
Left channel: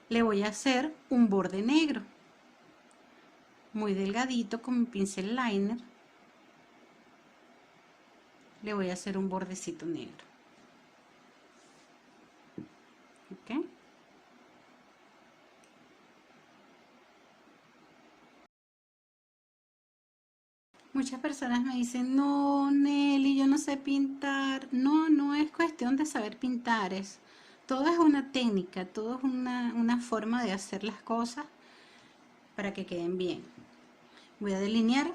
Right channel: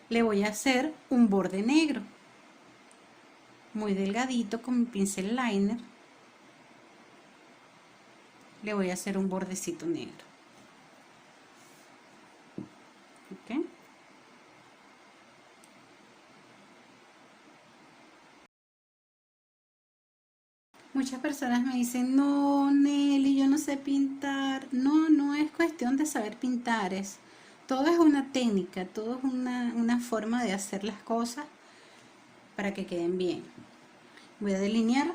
le voy a hacer un borde negro, muy delgadito con mi pincel liner. Le voy a hacer un bordecito negro. ¿Okay? Muchas personas me dicen, no, Nelly, yo no sé pintar. No, no es cuestión de saber pintar, todo es una técnica, todo es una forma de hacer las cosas para que queden bien. Voy a delinear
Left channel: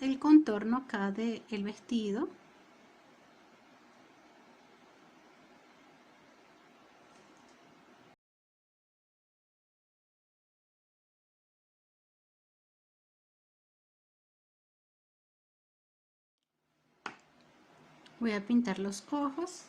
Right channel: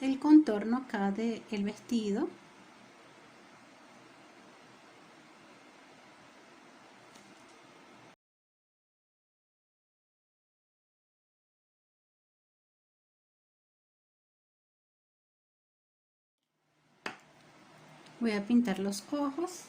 el contorno acá del vestido. Voy a pintar los ojos.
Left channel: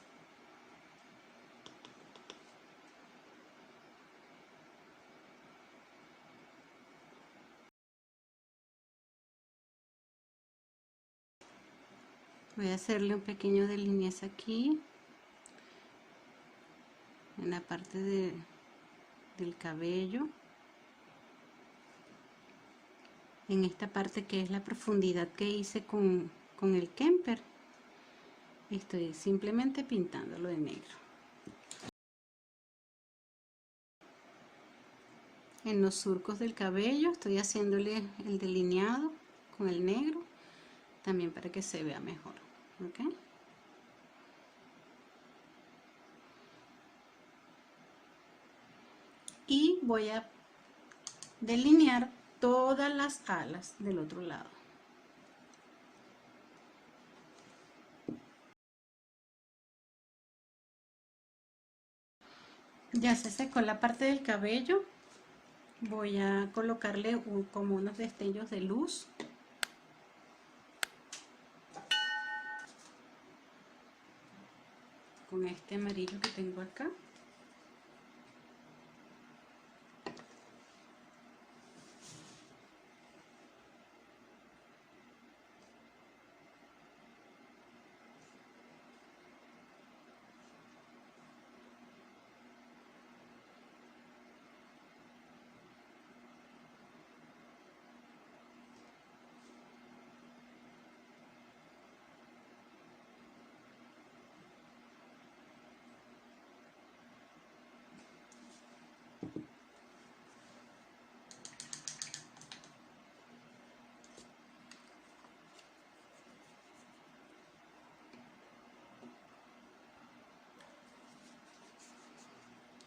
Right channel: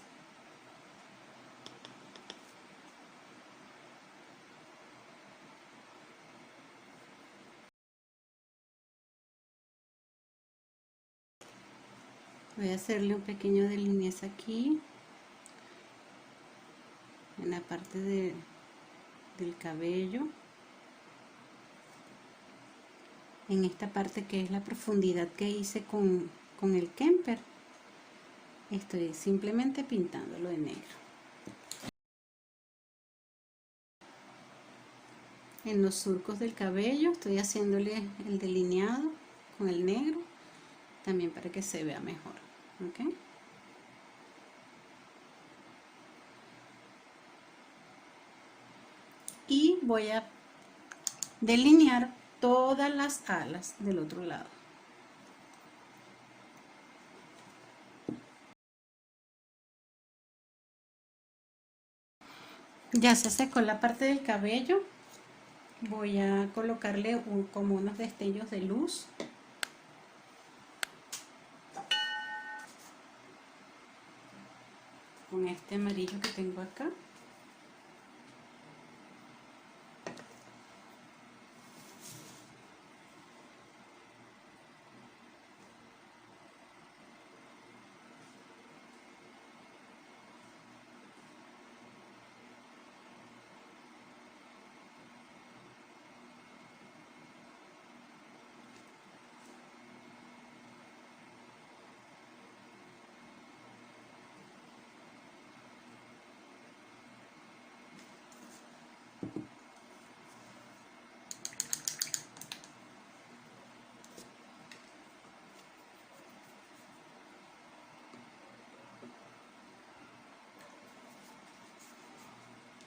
Voy a hacerle un pequeño delineado aquí, en la parte del cabello, en esta parte que es la profundidad que hice con el Kemper. Estoy simplemente pintándolo de negro. En los surcos del cabello estoy haciéndole el delineado con el negro, también para que se vea mejor. ¿Okay? Y voy a delinear todas las alas del otro lado. Ya se secó la parte del cabello. Voy a colocarle como unos destellos de luz. Con este amarillo que tengo acá.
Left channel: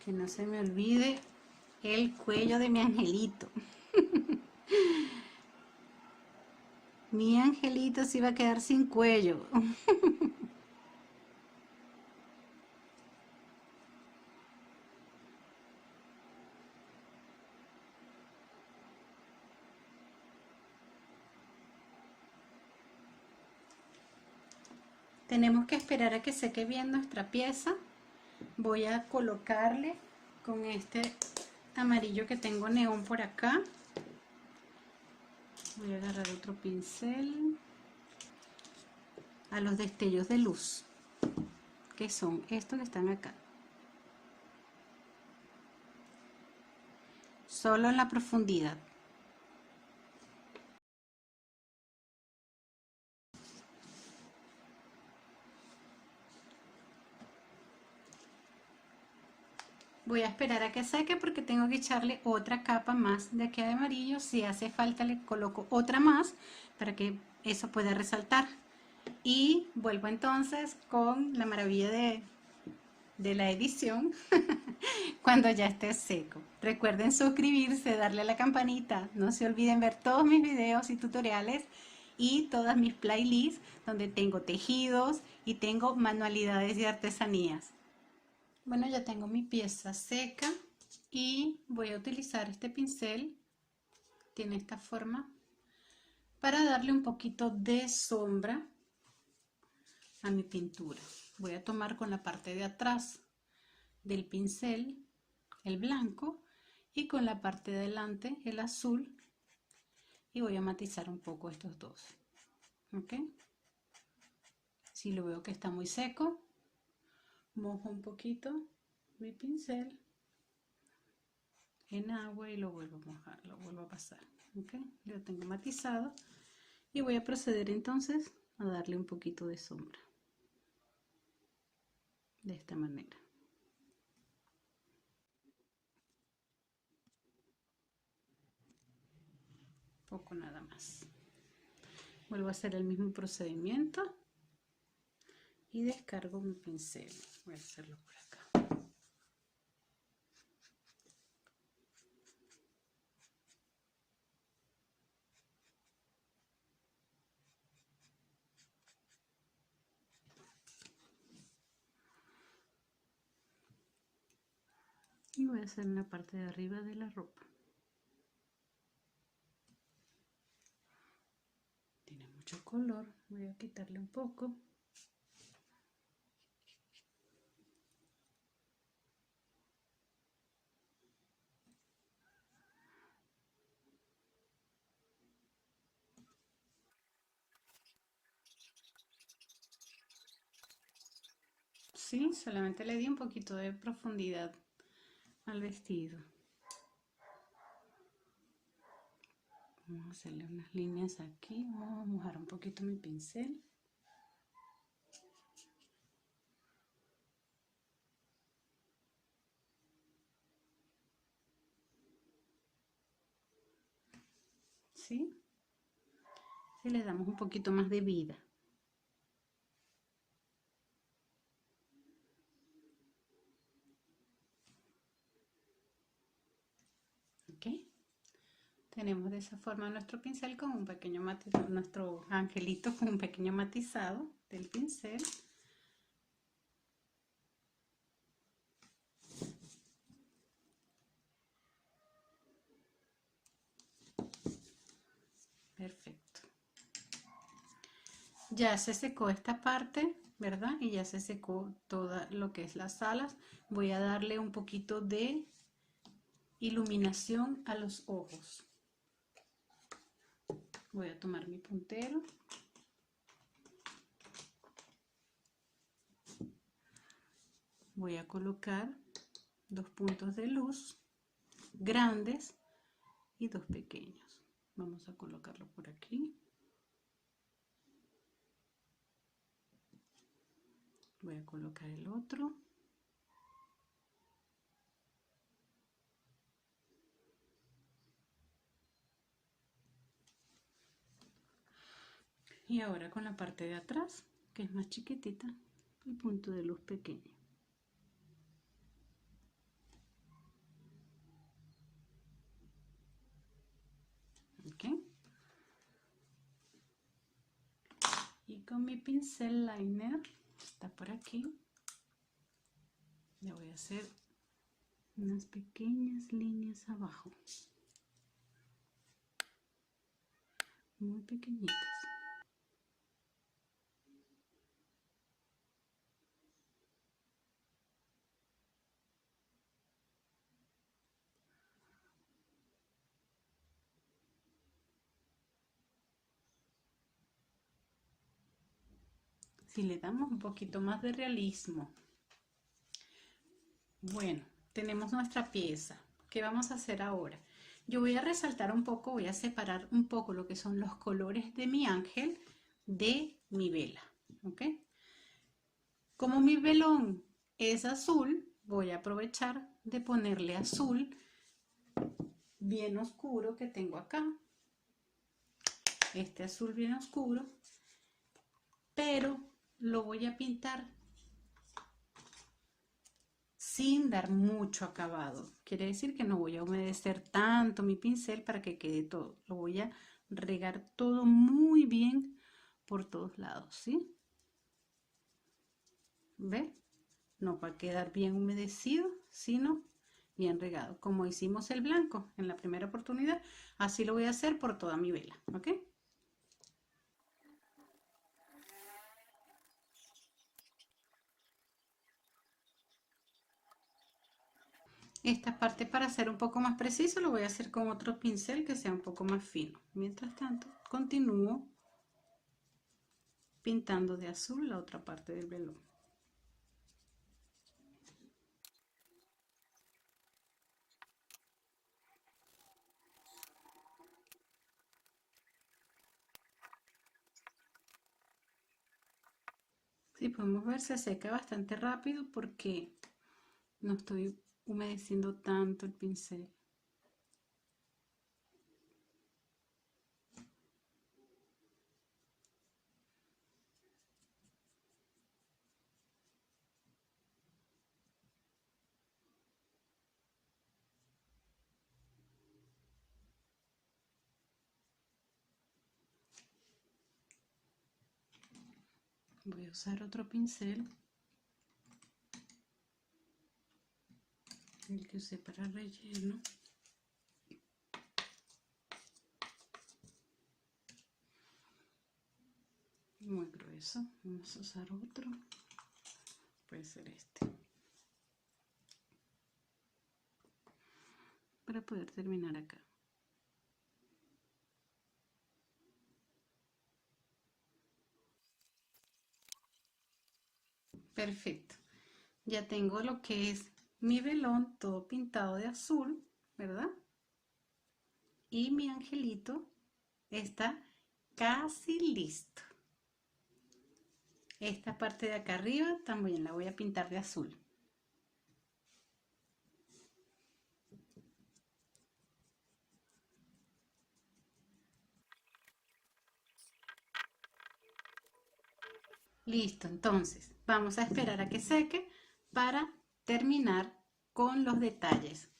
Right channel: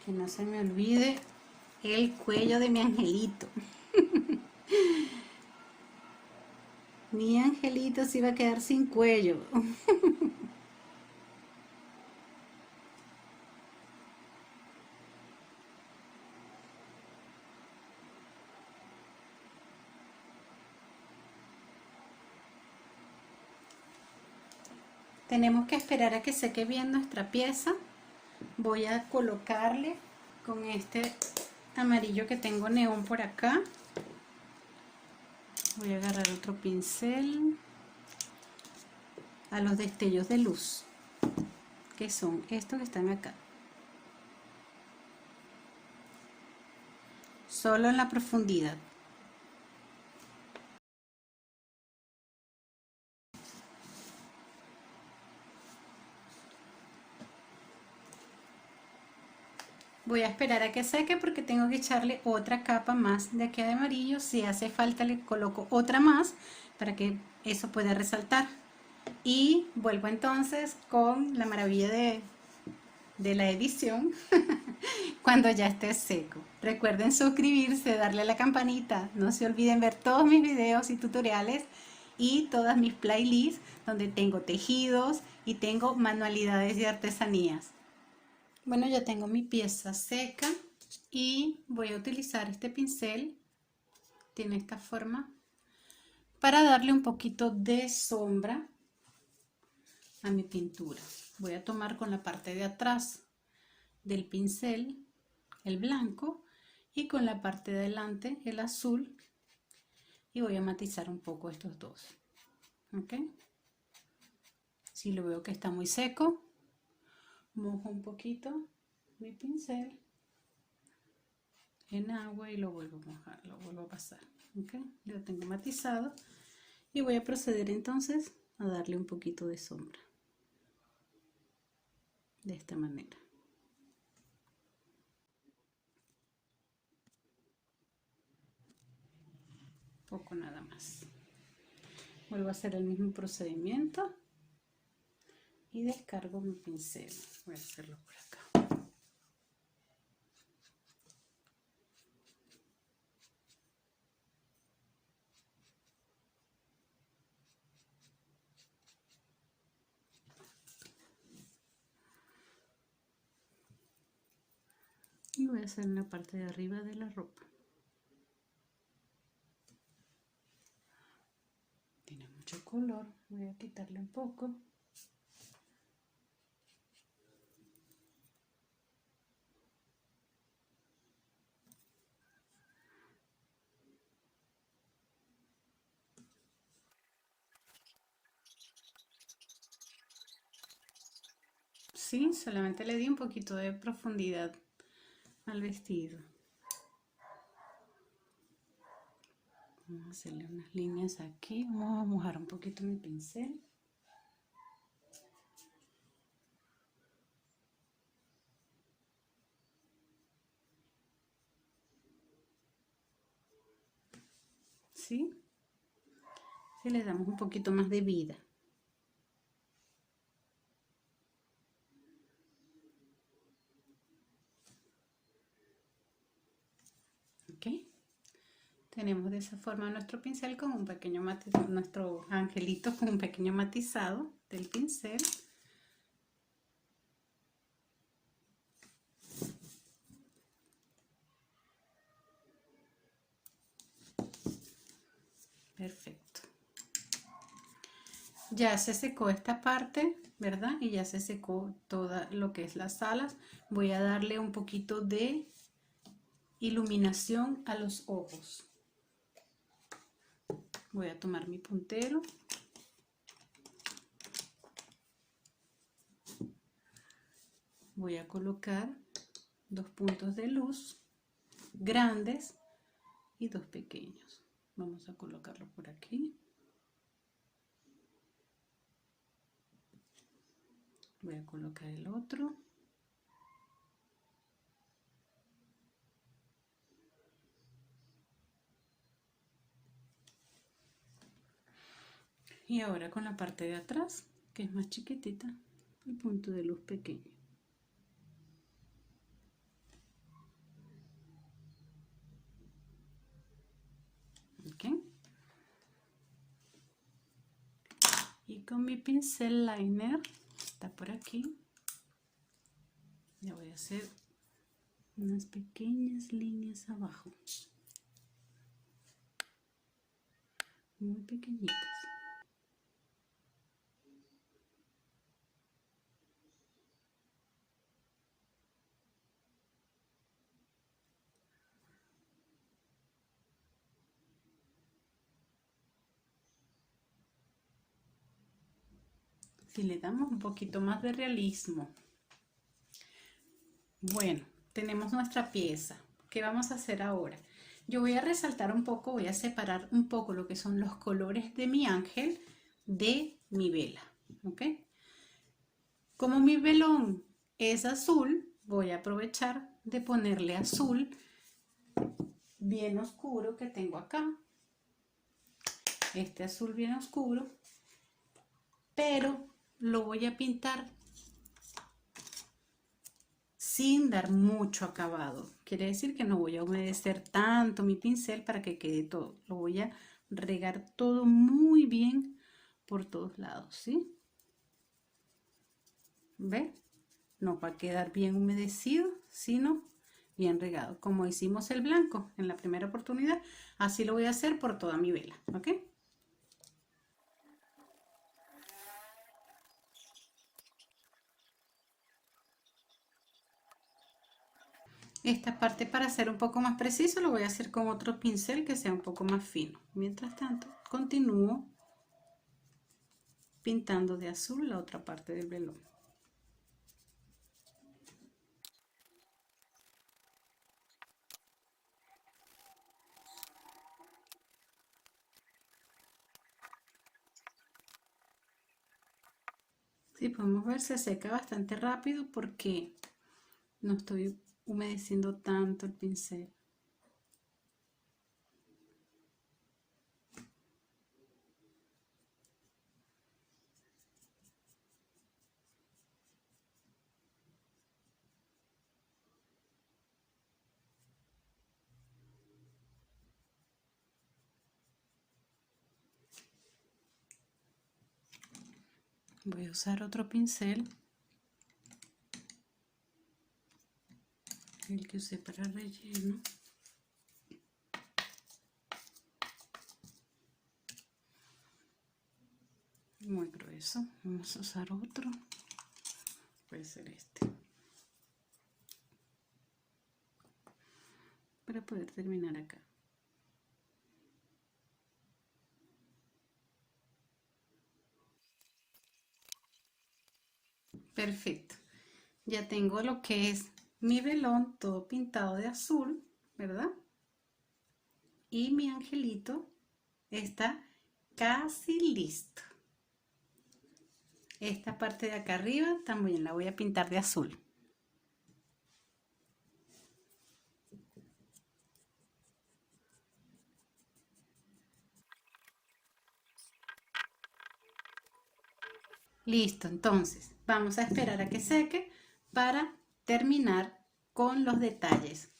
Que no se me olvide el cuello de mi angelito. Mi angelito se iba a quedar sin cuello. Tenemos que esperar a que seque bien nuestra pieza. Voy a colocarle con este amarillo que tengo neón por acá. Voy a agarrar otro pincel a los destellos de luz, que son estos que están acá. Solo en la profundidad. Voy a esperar a que seque porque tengo que echarle otra capa más de aquí de amarillo. Si hace falta le coloco otra más para que eso pueda resaltar. Y vuelvo entonces con la maravilla de la edición cuando ya esté seco. Recuerden suscribirse, darle a la campanita. No se olviden ver todos mis videos y tutoriales y todas mis playlists donde tengo tejidos y tengo manualidades y artesanías. Bueno, ya tengo mi pieza seca y voy a utilizar este pincel, tiene esta forma, para darle un poquito de sombra a mi pintura. Voy a tomar con la parte de atrás del pincel el blanco y con la parte de adelante el azul y voy a matizar un poco estos dos. ¿Ok? Si lo veo que está muy seco, mojo un poquito mi pincel en agua y lo vuelvo a mojar, lo vuelvo a pasar. ¿Ok? Lo tengo matizado y voy a proceder entonces a darle un poquito de sombra de esta manera. Poco nada más. Vuelvo a hacer el mismo procedimiento y descargo mi pincel. Voy a hacerlo por acá. Y voy a hacer en la parte de arriba de la ropa. Tiene mucho color, voy a quitarle un poco. Sí, solamente le di un poquito de profundidad al vestido. Vamos a hacerle unas líneas aquí, vamos a mojar un poquito mi pincel. ¿Sí? Si le damos un poquito más de vida. ¿Ok? Tenemos de esa forma nuestro pincel con un pequeño matizado, nuestro angelito con un pequeño matizado del pincel. Perfecto. Ya se secó esta parte, ¿verdad? Y ya se secó todo lo que es las alas. Voy a darle un poquito de iluminación a los ojos. Voy a tomar mi puntero. Voy a colocar 2 puntos de luz grandes y 2 pequeños. Vamos a colocarlo por aquí. Voy a colocar el otro. Y ahora con la parte de atrás, que es más chiquitita, el punto de luz pequeño. ¿Ok? Y con mi pincel liner, está por aquí, ya voy a hacer unas pequeñas líneas abajo. Muy pequeñitas. Si le damos un poquito más de realismo. Bueno, tenemos nuestra pieza. ¿Qué vamos a hacer ahora? Yo voy a resaltar un poco, voy a separar un poco lo que son los colores de mi ángel de mi vela. ¿Ok? Como mi velón es azul, voy a aprovechar de ponerle azul bien oscuro que tengo acá. Este azul bien oscuro, pero lo voy a pintar sin dar mucho acabado. Quiere decir que no voy a humedecer tanto mi pincel para que quede todo. Lo voy a regar todo muy bien por todos lados, ¿sí? ¿Ve? No va a quedar bien humedecido, sino bien regado, como hicimos el blanco en la primera oportunidad. Así lo voy a hacer por toda mi vela, ¿ok? Esta parte, para ser un poco más preciso, lo voy a hacer con otro pincel que sea un poco más fino. Mientras tanto, continúo pintando de azul la otra parte del velón. Si podemos ver, se seca bastante rápido porque no estoy humedeciendo tanto el pincel. Voy a usar otro pincel, el que usé para relleno. Muy grueso. Vamos a usar otro. Puede ser este. Para poder terminar acá. Perfecto. Ya tengo lo que es mi velón todo pintado de azul, ¿verdad? Y mi angelito está casi listo. Esta parte de acá arriba también la voy a pintar de azul. Listo, entonces vamos a esperar a que seque para terminar con los detalles.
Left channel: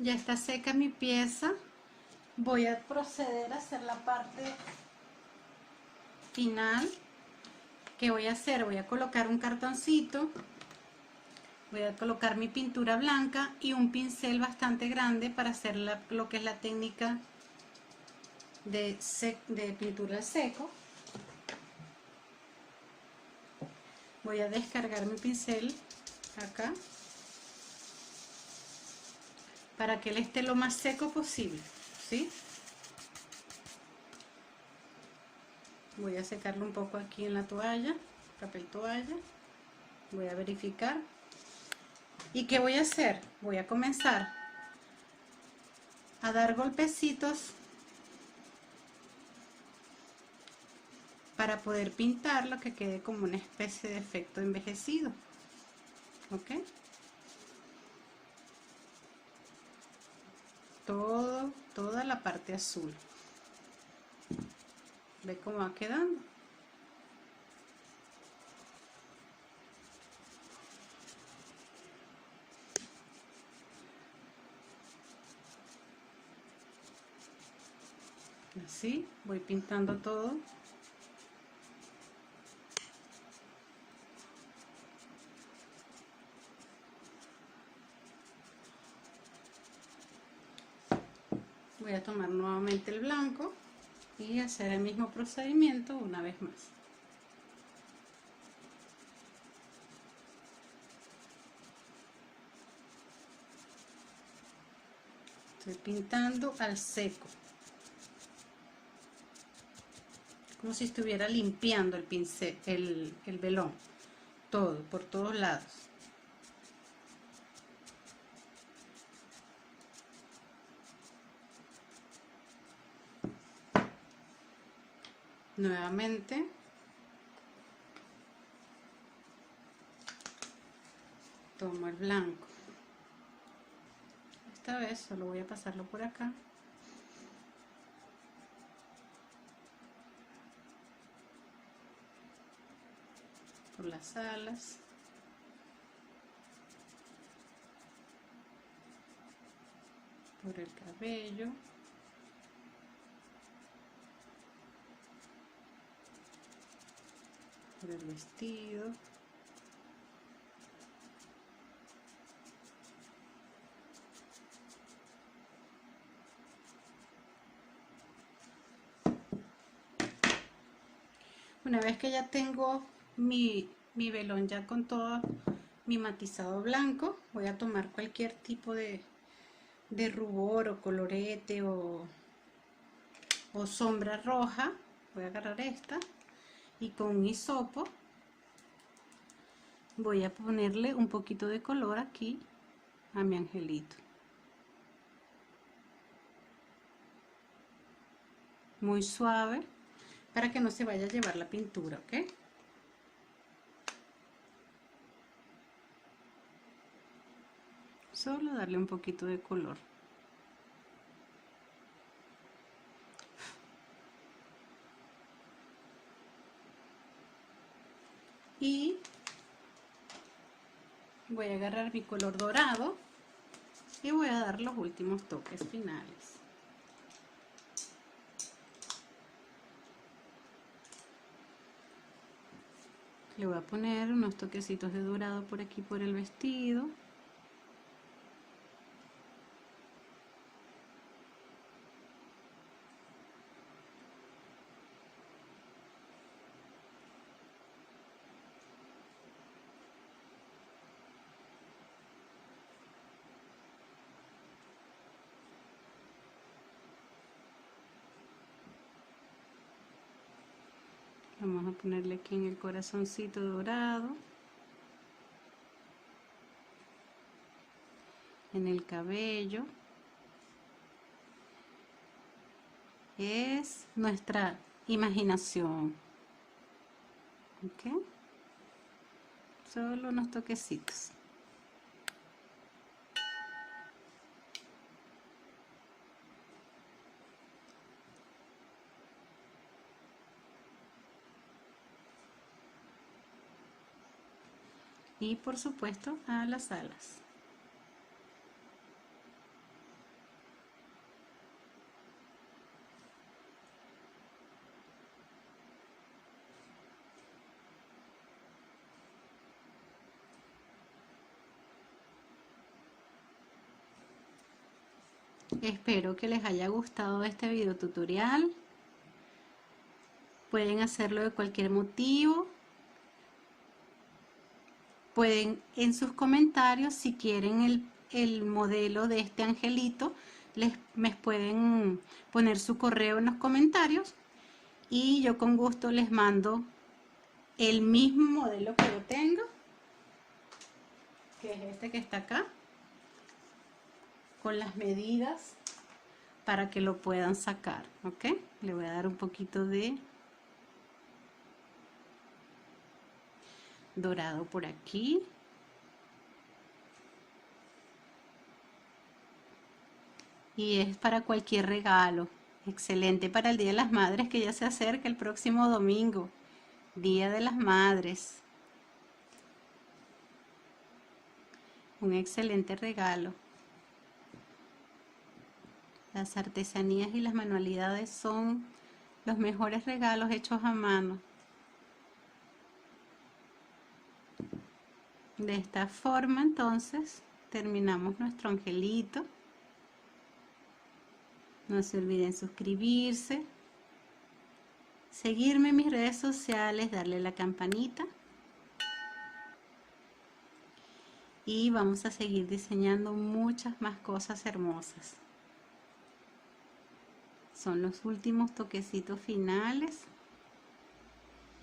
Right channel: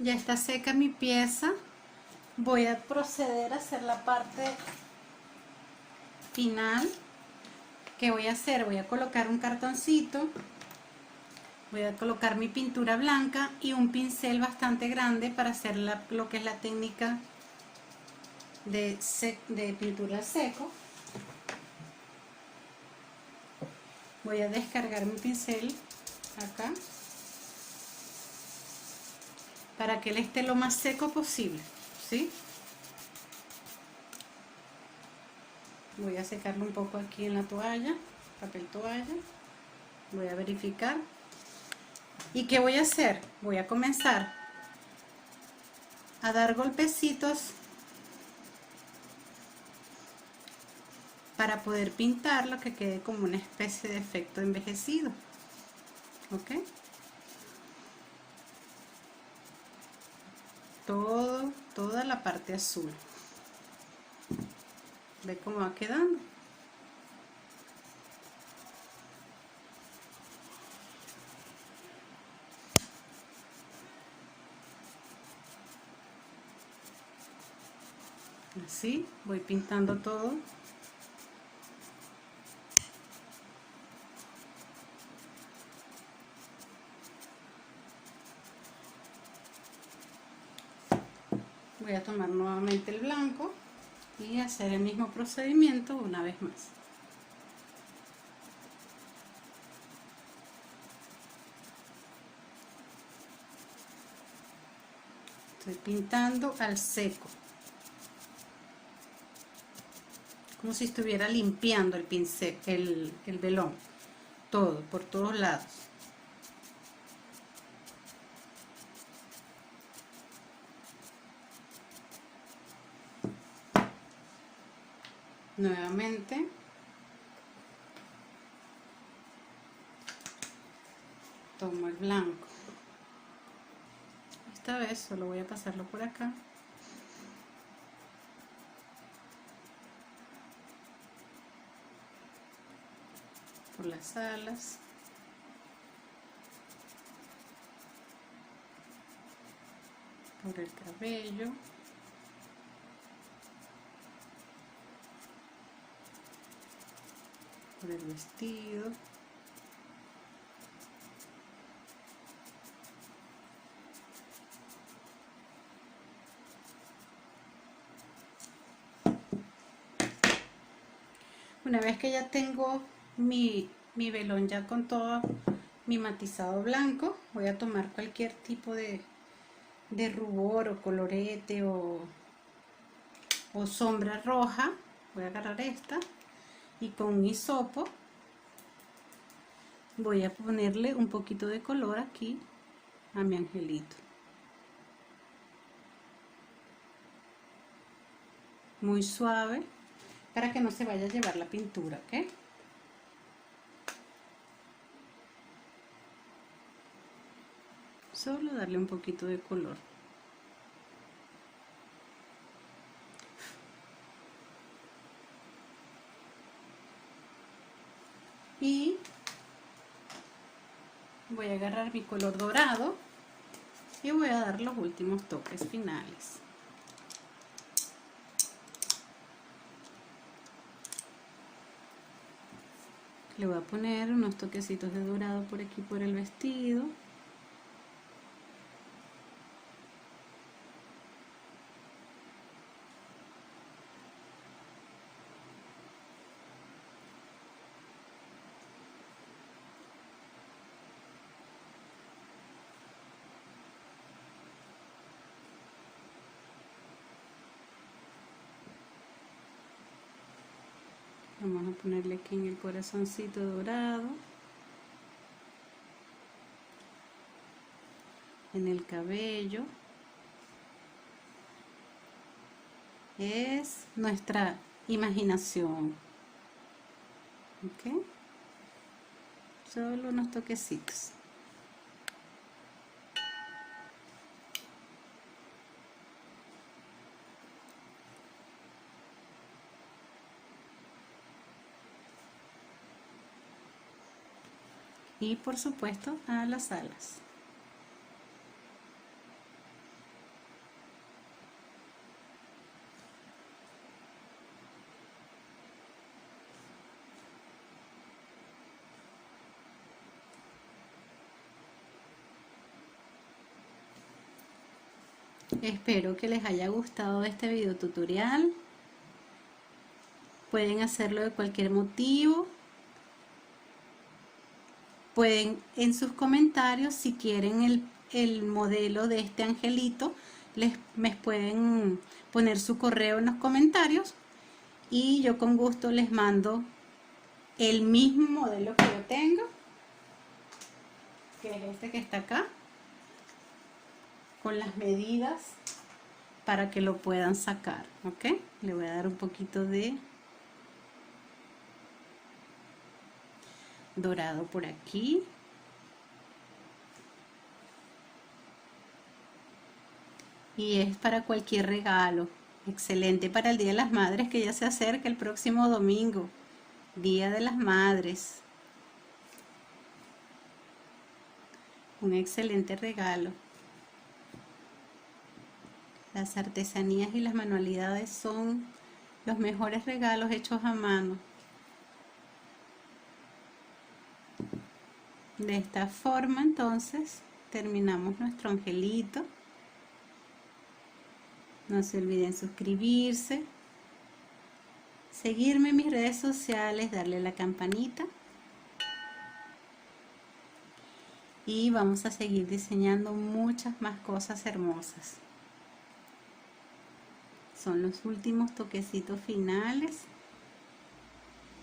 Ya está seca mi pieza. Voy a proceder a hacer la parte final. ¿Qué voy a hacer? Voy a colocar un cartoncito, voy a colocar mi pintura blanca y un pincel bastante grande para hacer lo que es la técnica de pintura seco. Voy a descargar mi pincel acá para que él esté lo más seco posible, ¿sí? Voy a secarlo un poco aquí en la toalla, papel toalla. Voy a verificar. ¿Y qué voy a hacer? Voy a comenzar a dar golpecitos para poder pintarlo, que quede como una especie de efecto envejecido. ¿Ok? Toda la parte azul. ¿Ve cómo va quedando? Así, voy pintando todo. Voy a tomar nuevamente el blanco y hacer el mismo procedimiento una vez más. Estoy pintando al seco, como si estuviera limpiando el pincel, el velón, todo, por todos lados. Nuevamente tomo el blanco. Esta vez solo voy a pasarlo por acá. Por las alas. Por el cabello. el vestido. Una vez que ya tengo mi velón ya con todo mi matizado blanco, voy a tomar cualquier tipo de rubor o colorete o sombra roja. Voy a agarrar esta y con un hisopo voy a ponerle un poquito de color aquí a mi angelito. Muy suave para que no se vaya a llevar la pintura, ¿ok? Solo darle un poquito de color. Y voy a agarrar mi color dorado y voy a dar los últimos toques finales. Le voy a poner unos toquecitos de dorado por aquí por el vestido. Vamos a ponerle aquí en el corazoncito dorado, en el cabello. Es nuestra imaginación, ¿ok? Solo unos toquecitos. Y por supuesto a las alas. Espero que les haya gustado este video tutorial. Pueden hacerlo de cualquier motivo. Pueden en sus comentarios, si quieren el modelo de este angelito, me pueden poner su correo en los comentarios y yo con gusto les mando el mismo modelo que yo tengo, que es este que está acá, con las medidas para que lo puedan sacar, ¿ok? Le voy a dar un poquito de dorado por aquí. Y es para cualquier regalo. Excelente para el Día de las Madres, que ya se acerca el próximo domingo. Día de las Madres. Un excelente regalo. Las artesanías y las manualidades son los mejores regalos hechos a mano. De esta forma entonces terminamos nuestro angelito. No se olviden suscribirse, seguirme en mis redes sociales, darle la campanita. Y vamos a seguir diseñando muchas más cosas hermosas. Son los últimos toquecitos finales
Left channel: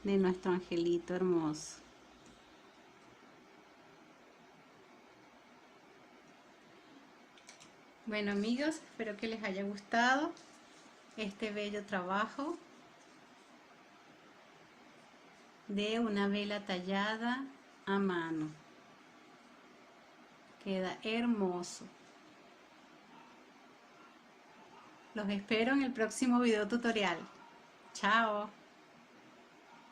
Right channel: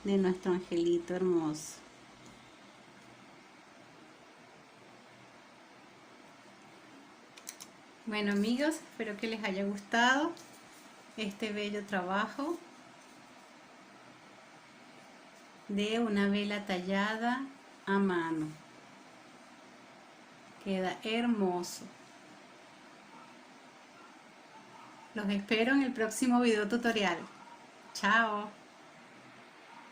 de nuestro angelito hermoso. Bueno amigos, espero que les haya gustado este bello trabajo de una vela tallada a mano. Queda hermoso. Los espero en el próximo video tutorial. Chao.